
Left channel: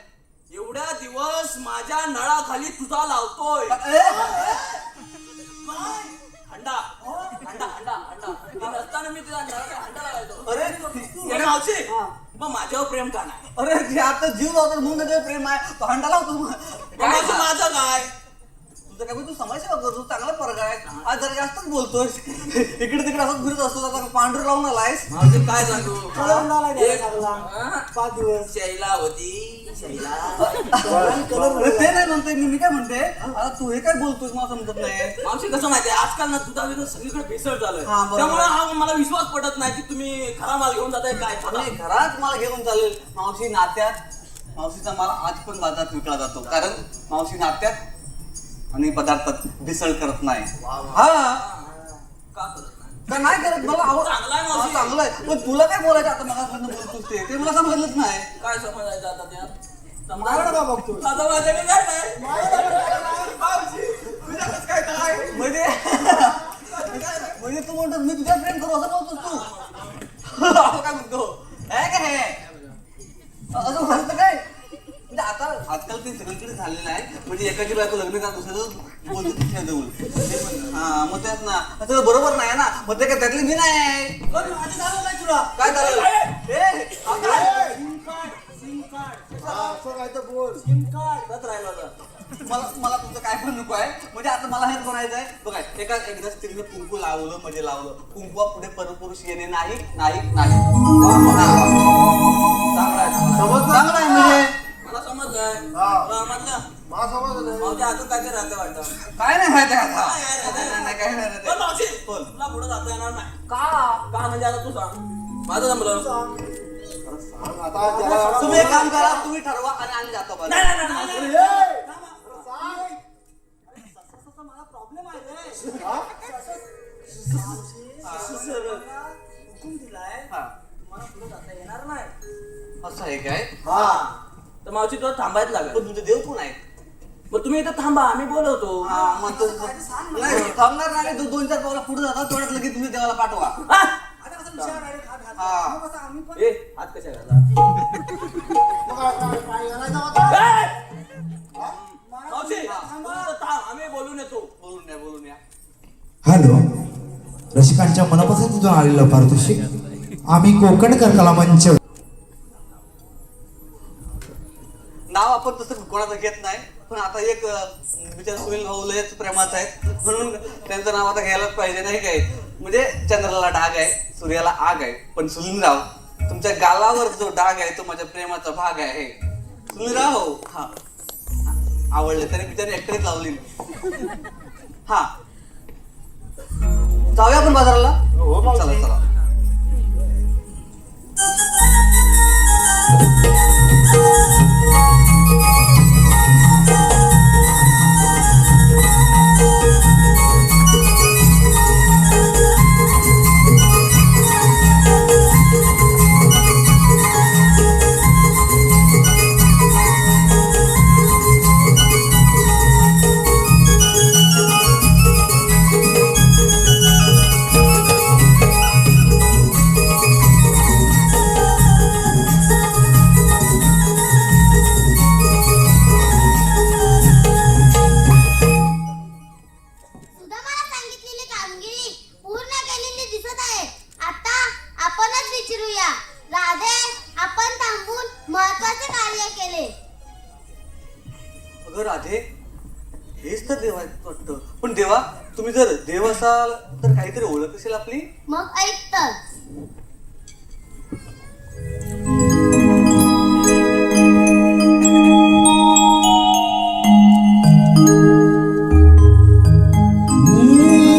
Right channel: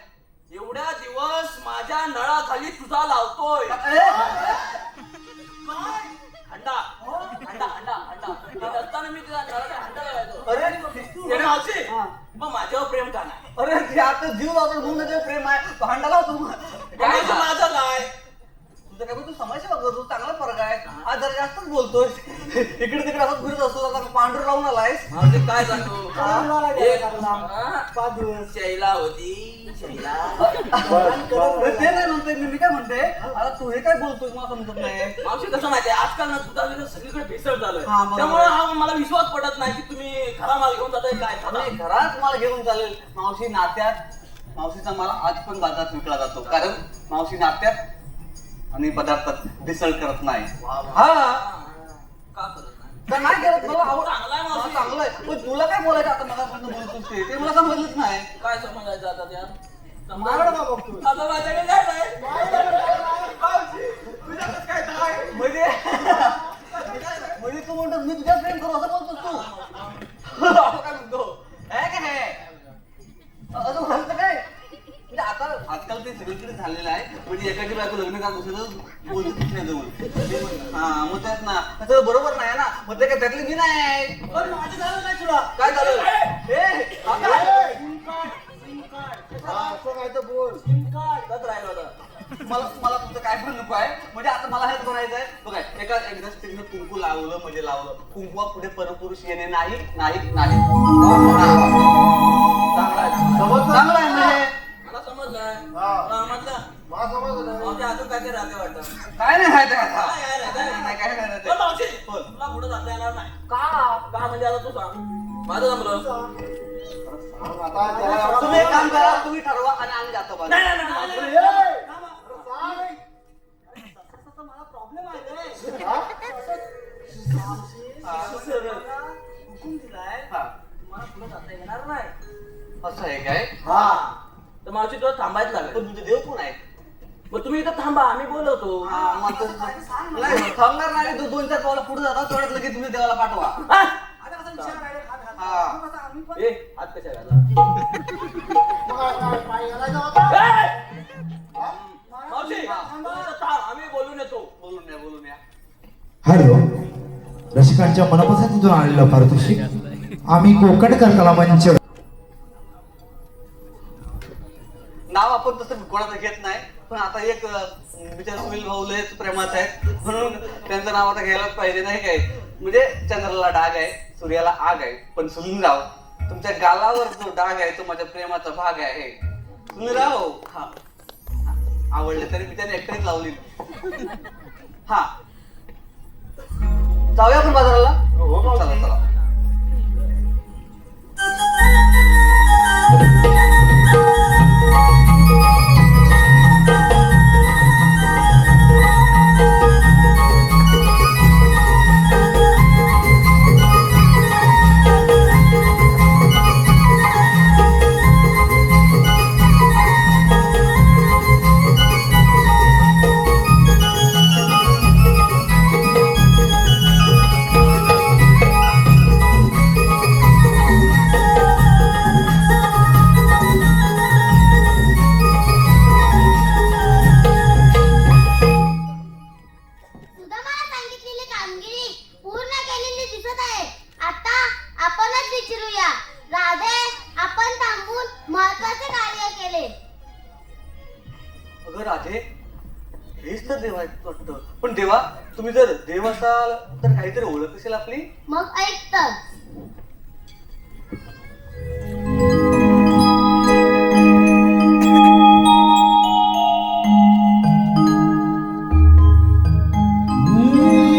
एवढ्या दिवस माझ्या नळाखाली तुझा लावतोय अंडा अंडा अंडा अंडा नसताना मी तुझ्या नळाला अंडा लागायचो अरे मावशी मग माझ्यावर प्रेम का नाही अरे आता जीव लावतो म्हणून त्याच्यावर प्रेम आहे तो अंडा लावतो माझं काय तुझं काय तू समाजसेवा करतो चांगला फरक आहे आज जरा जास्तच बोलतोय इकडे तिकडे असं फिरत असतो आता पांढरं लावून आलायस म्हणजे काय सांगू 5 दिवस शैला होती शैला ते नाही म्हणतोय मी काय म्हणते आता तू हे काय बोलतोय मला समजत नाही मावशी कसं माहितीये आजकाल ना दुधाविरुद्ध सगळीकडे भेसळ झालंय त्यामुळे हा मला विश्वास पडत नाही की तुम्ही खरा माल घेऊन जाताय काय घरात माल घेऊन चालेल मावशी नात्यात मावशीचा माल आज पण बाजारात विकला जातो कारण मावशी नात्यात आणि पदार्थात भेसळ करत नाही हा का नाही करत मला चांगलं आहे पण तुला काय बोलायचं आता मला बोलतोस ते मला समजलंच नाही काय समजायचं आता त्या म्हणजे तू म्हणतो मी तुझ्या फ्रेंड करू असं नव्हतं तू काय म्हणतो मी का दुसऱ्याचं बोलतो तिथल्या हा मग तेच ना तर बरोबर नाही ना मग ते काय त्यातली मी नाही पण माझं झालं नाही तुला काय झालं सिम कार्ड असं काय तर बोल सिम कार्ड त्यात राहिला होता मला तुमचं काय पण नको आहे म्हणजे आता मला हेच म्हणायचं आहे बघा एकदा स्त्रीने कुंकू लावलं म्हणजे लावलं कुंकवा पुढे परपुरुष येणे नाही नाही नाही चांगलं आहे म्हणजे मला समजलंय मला समजलं काय राहते वाटतं काय नाही राहत नाही काय नाही राहत बोल तुला पुढे जाता येणार नाही का म्हणजे आता तू सांग माझं जमलं आता त्याला- तुम्ही एक काम करा तुम्ही ठरवा आणि आम्ही जातो बरं. नाही, नाही, नाही, नाही, नाही. मला प्रॉब्लेम आहे रे. हुकूम दिलाय हा. मला पुढे जाता येणार नाही असं आहे काय हा तर मावशी तुला थांबायच लागेल तर तुमचे देव कोण आहे मग तुम्ही इथं थांबा आम्ही बोलवतो हा, मग नाही थांबणार नाही दोन चार पावला पुढे जातात तेवढ्यात लगेच तुम्ही देवाला पाठवा आता कसं विचार direct हात घातला. हा. मग कसं आम्ही पण- ए, हात कशा घातला? काय करायचं होतं? मावशी, थांबा, इथं थांब, आम्ही बोलून येतो बोलून या हॅलो, रसिकांच्या मनपसंतीतून आलेलं पारितोषिक आम्ही कोकणकर कला मंच नाव आपण तसं कोणाचं घेत नाही पण आता एक विचार होईल लयच प्रेमात आहे म्हणून त्यांचं नाव आता घ्यायला पाहिजे नाही काय म्हणजे चंद्राला डाग आहे सूर्याला आग आहे पण सुनीलराव तुमच्या गालावर जो डाग आहे तो माझ्या प्रेमाचा भाग आहे सुनीलराव हा आवडले तरी बिचारी एकटेच लावली हा जाऊया आपण बाजाराला हो, मावशी. चला, चला. सुद्धा मला सांगितलेली कामगिरी पूर्ण केलेली दिसत आहे आता आपणच विचारूया राधे आपण थांबून महत्वाचे कार्य केले अगं राधे हेच तर देव आहेत वाटतं पण देवा तुम्ही जर देव असाल तर काहीतरी ओळख असेल आपली मग ऐक तर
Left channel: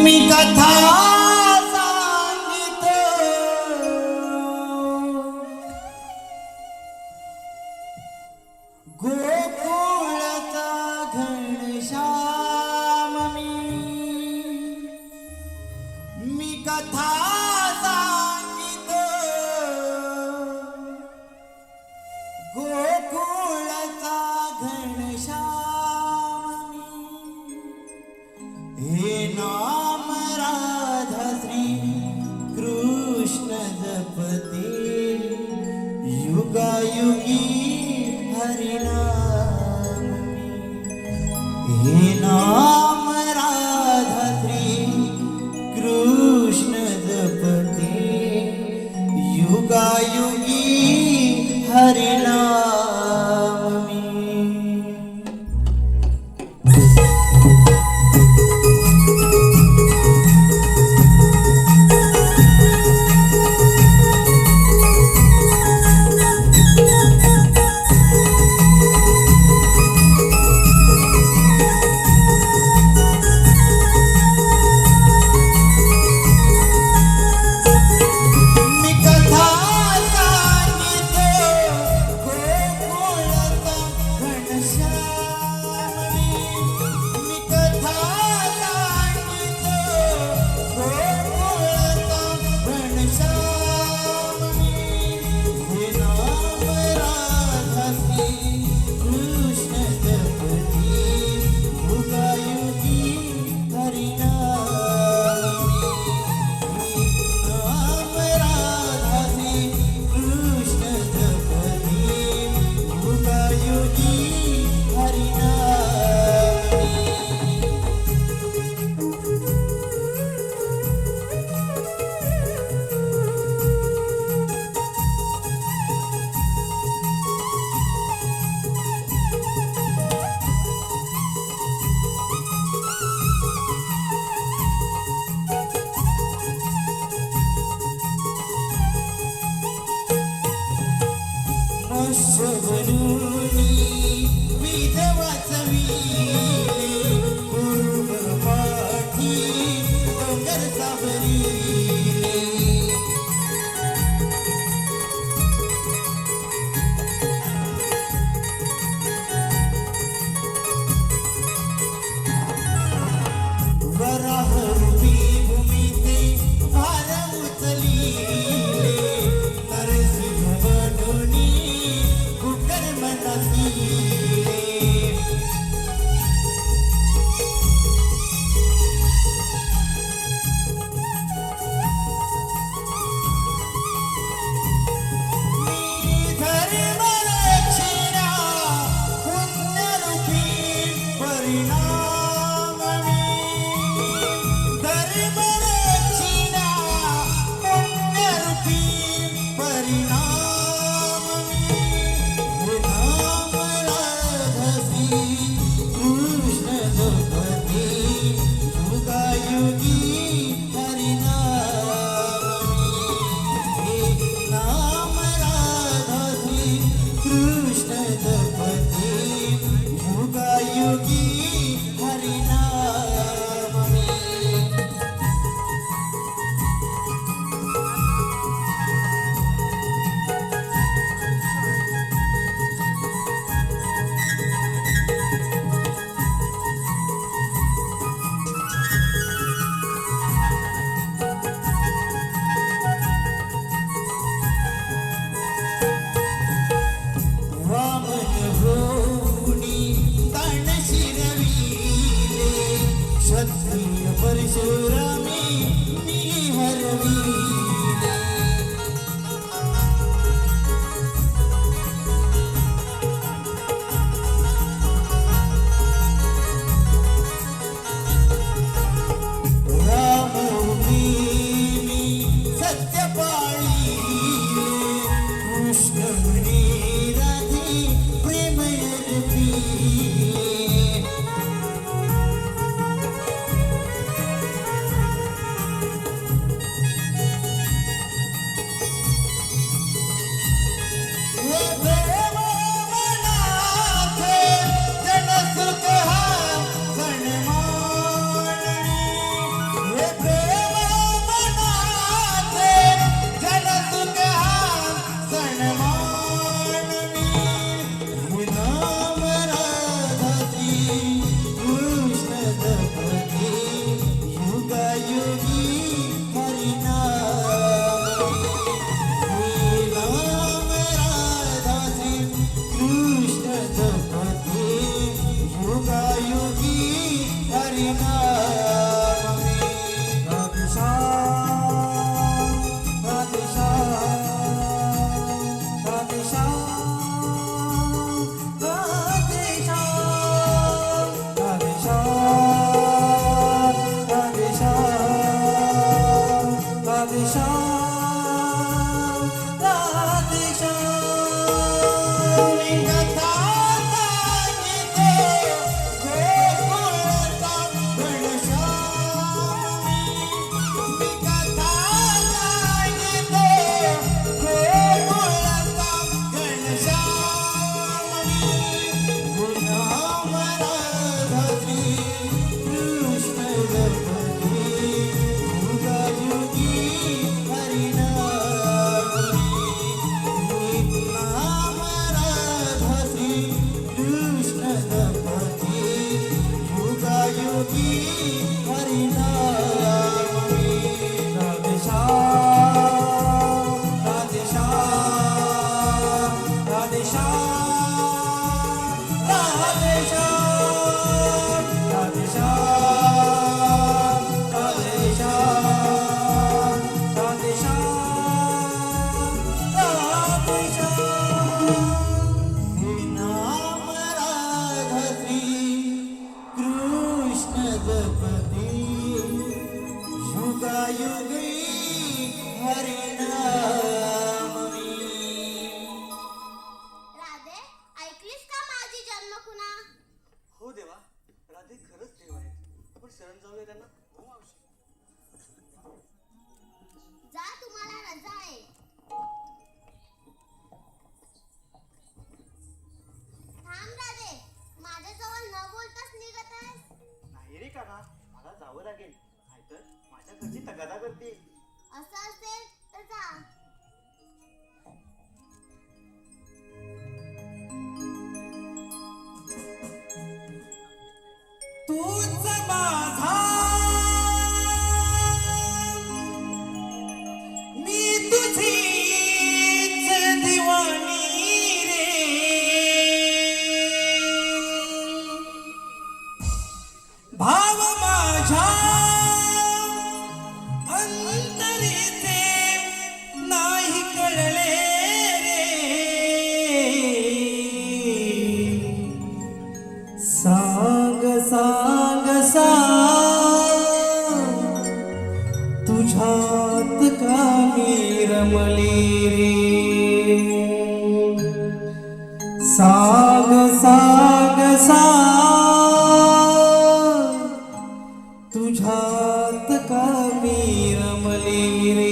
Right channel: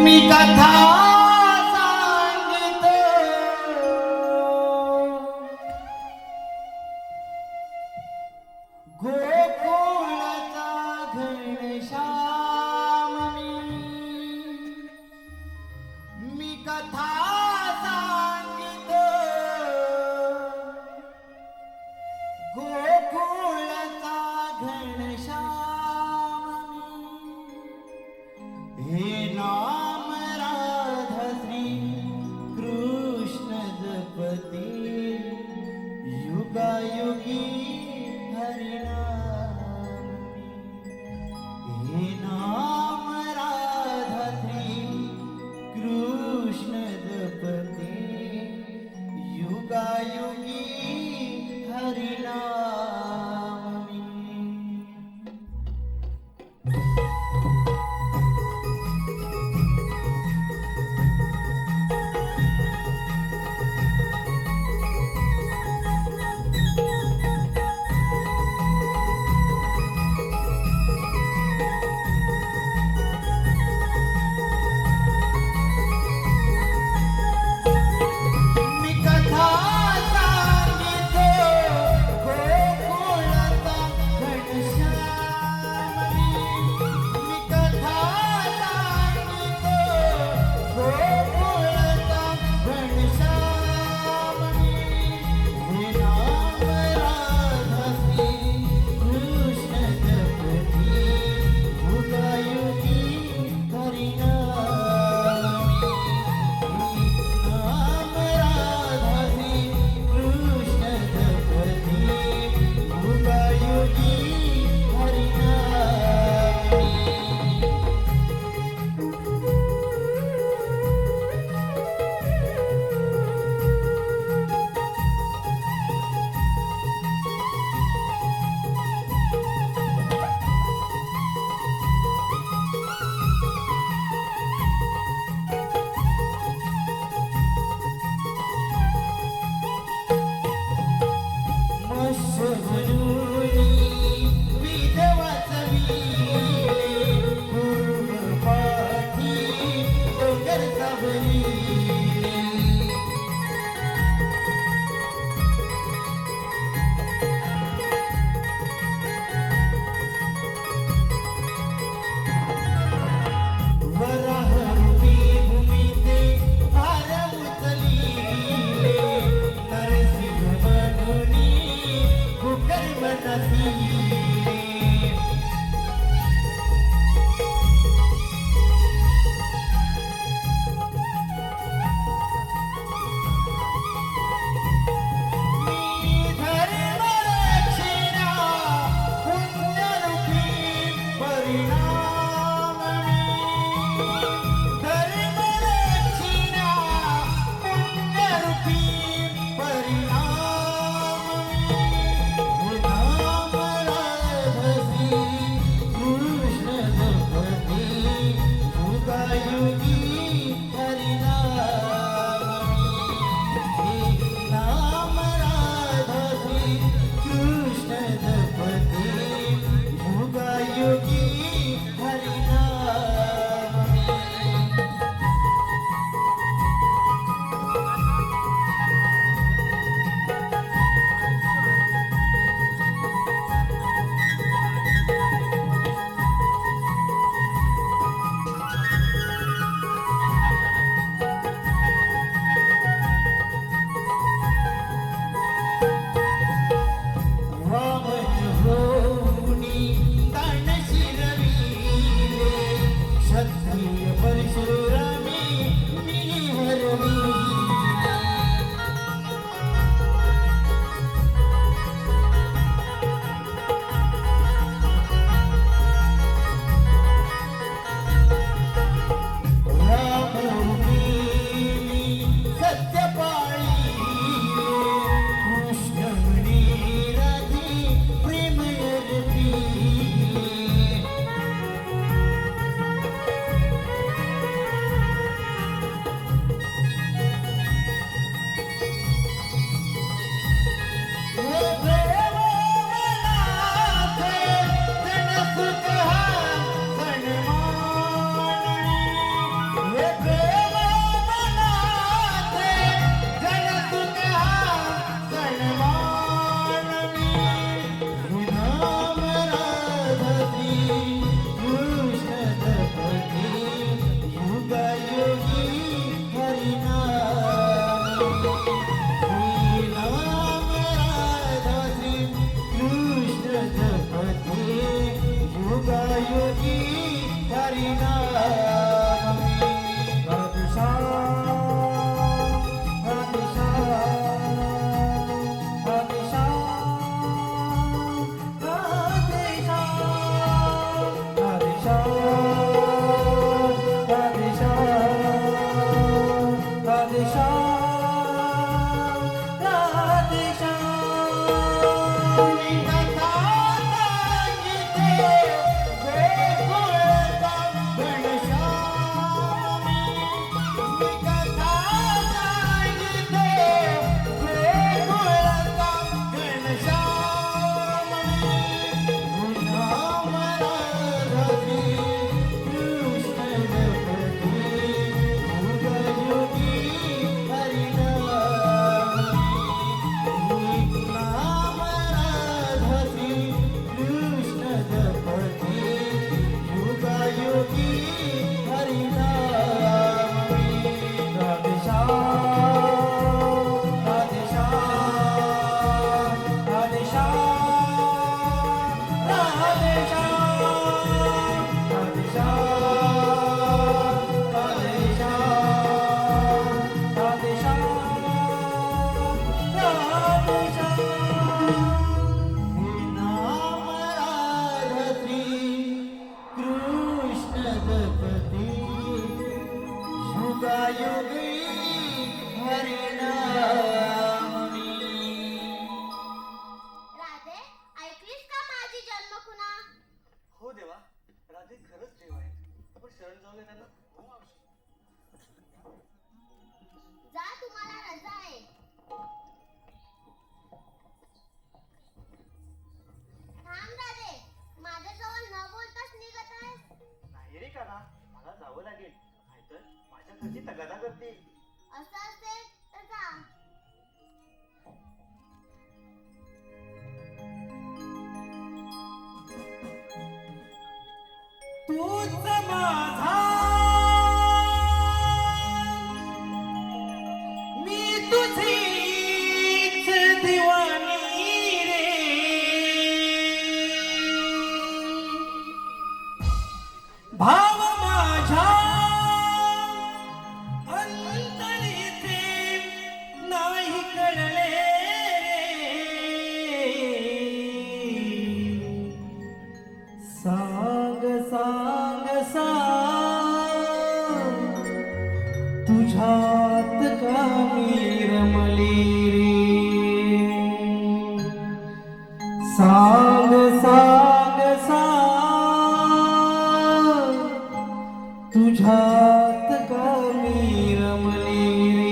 मी कथा सांगितो गोकुळचा घनश्याम मी कथा सांगितो गोकुळचा घनश्याम हे नाम राधा श्री कृष्ण जपते युगायुगी हरिनाम हे नाम राधा श्री कृष्ण जपते युगायुगी हरिनाम राधे, ऐकलीस का माझी जन्मखुणा? हो देवा, राधे खरंच देव आहेत. आपण शरण जाऊया त्यांना. जा, तुम्हाला रजा आहे. थांब राधे, माझ्याजवळ न बोलताच निघत आहेस. नाही रे काका, मला जावं लागेल, नाहीतर माझ्या घरची तगादा करतील. असं असेल तर जा. तूच माझा मी तुझीच दिवानी रे भाव माझ्या अंतरीचे नाही कळले रे सांग तुझ्यात काही रमले रे सांग सांग सांग तुझ्यात काही रमले रे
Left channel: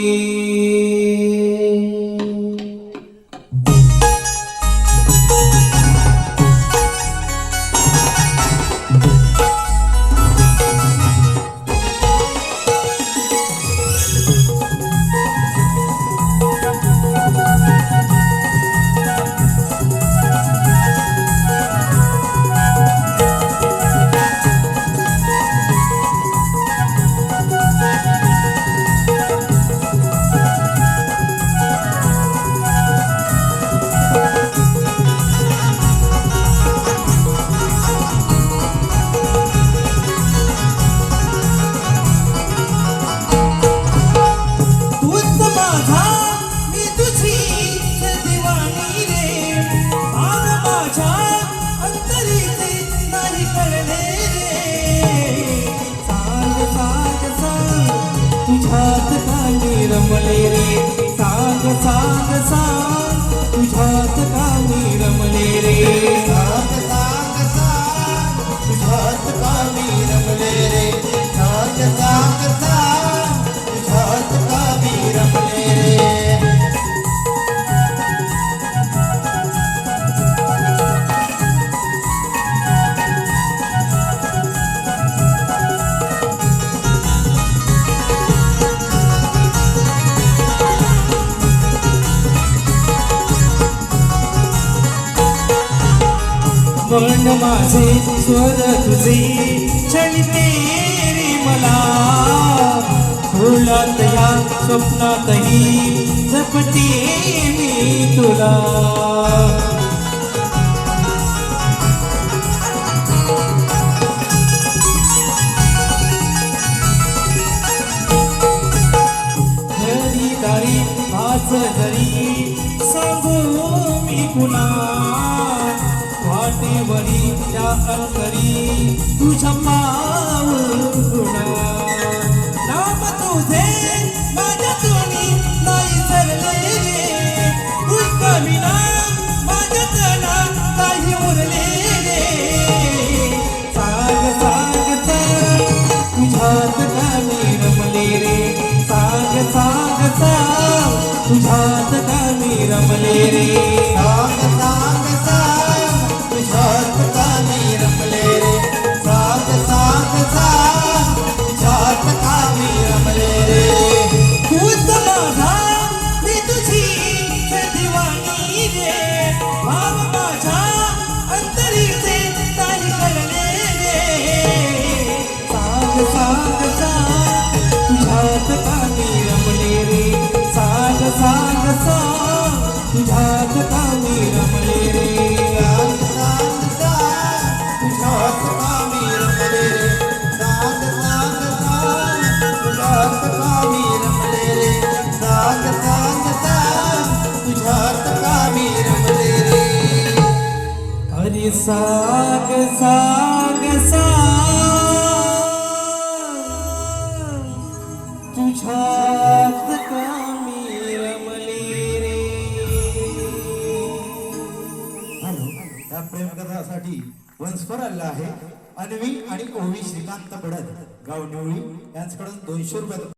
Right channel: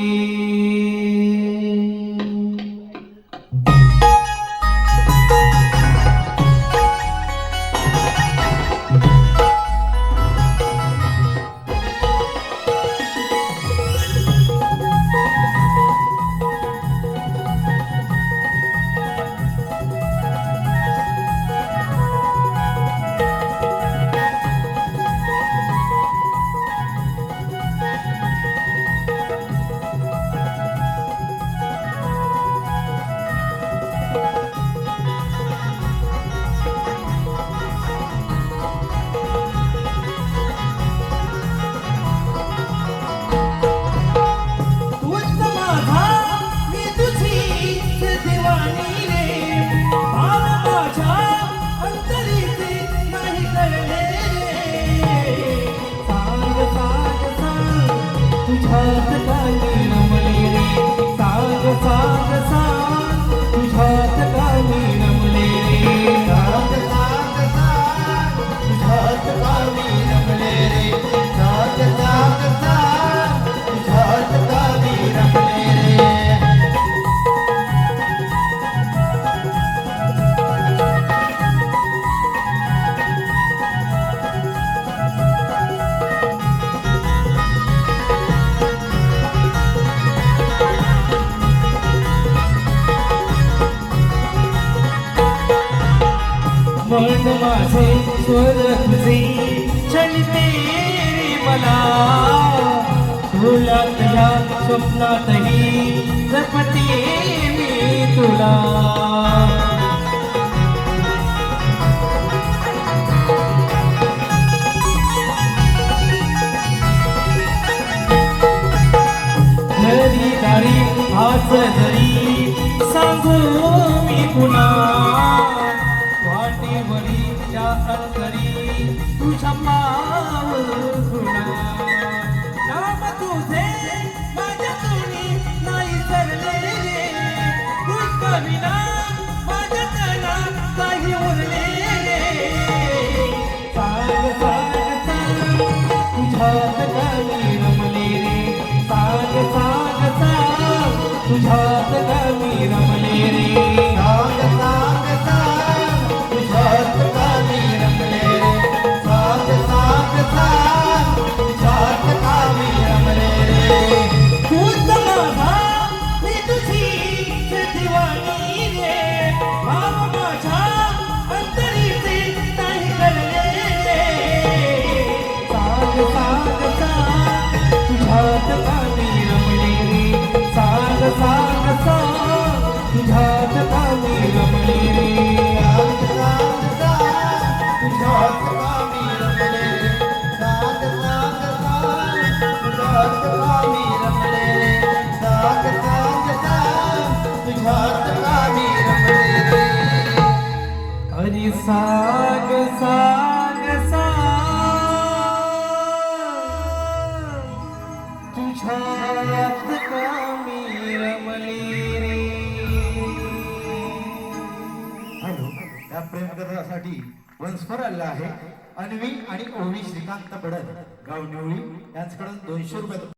मन माझे स्वर तुझे चलते रे मला भोलात या स्वप्नातही जपते मी तुला घरी दारी आज जरी सांगू मी पुन्हा वाटेवरी त्या अंतरी तुझ्या पाहुणा नाम तुझे माझ्या तोंडी नाही सरले रे तू कविना माझ्या तना काही उरले रे सांग सांग सांग तुझ्यात कामी रमले रे सांग सांग सांग तुझ्यात कामी रमले रे सांग सांग सांग तुझ्यात कामी रमले रे सांग सांग सांग तुझ्यात कामी रमले रे तूच माझा मी तुझी दिवाणी रे भाव माझ्या अंतरीचे काही करणे रे सांग सांग सांग तुझ्यात कामी रमले रे सांग सांग सांग तुझ्यात कामी रमले रे सांग सांग सांग तुझ्यात कामी रमले रे सांग सांग सांग तुझ्यात कामी रमले रे सांग सांग सांग तुझ्यात कामी रमले रे अरे सांग सांग सांग तुझ्यात कामी रमले रे या प्रेमकथासाठी वंशपर आलेला आहे अन्वी आणि ओवी श्रीकांत पडत गाव निवळी यांच्याकडून 200 रुपये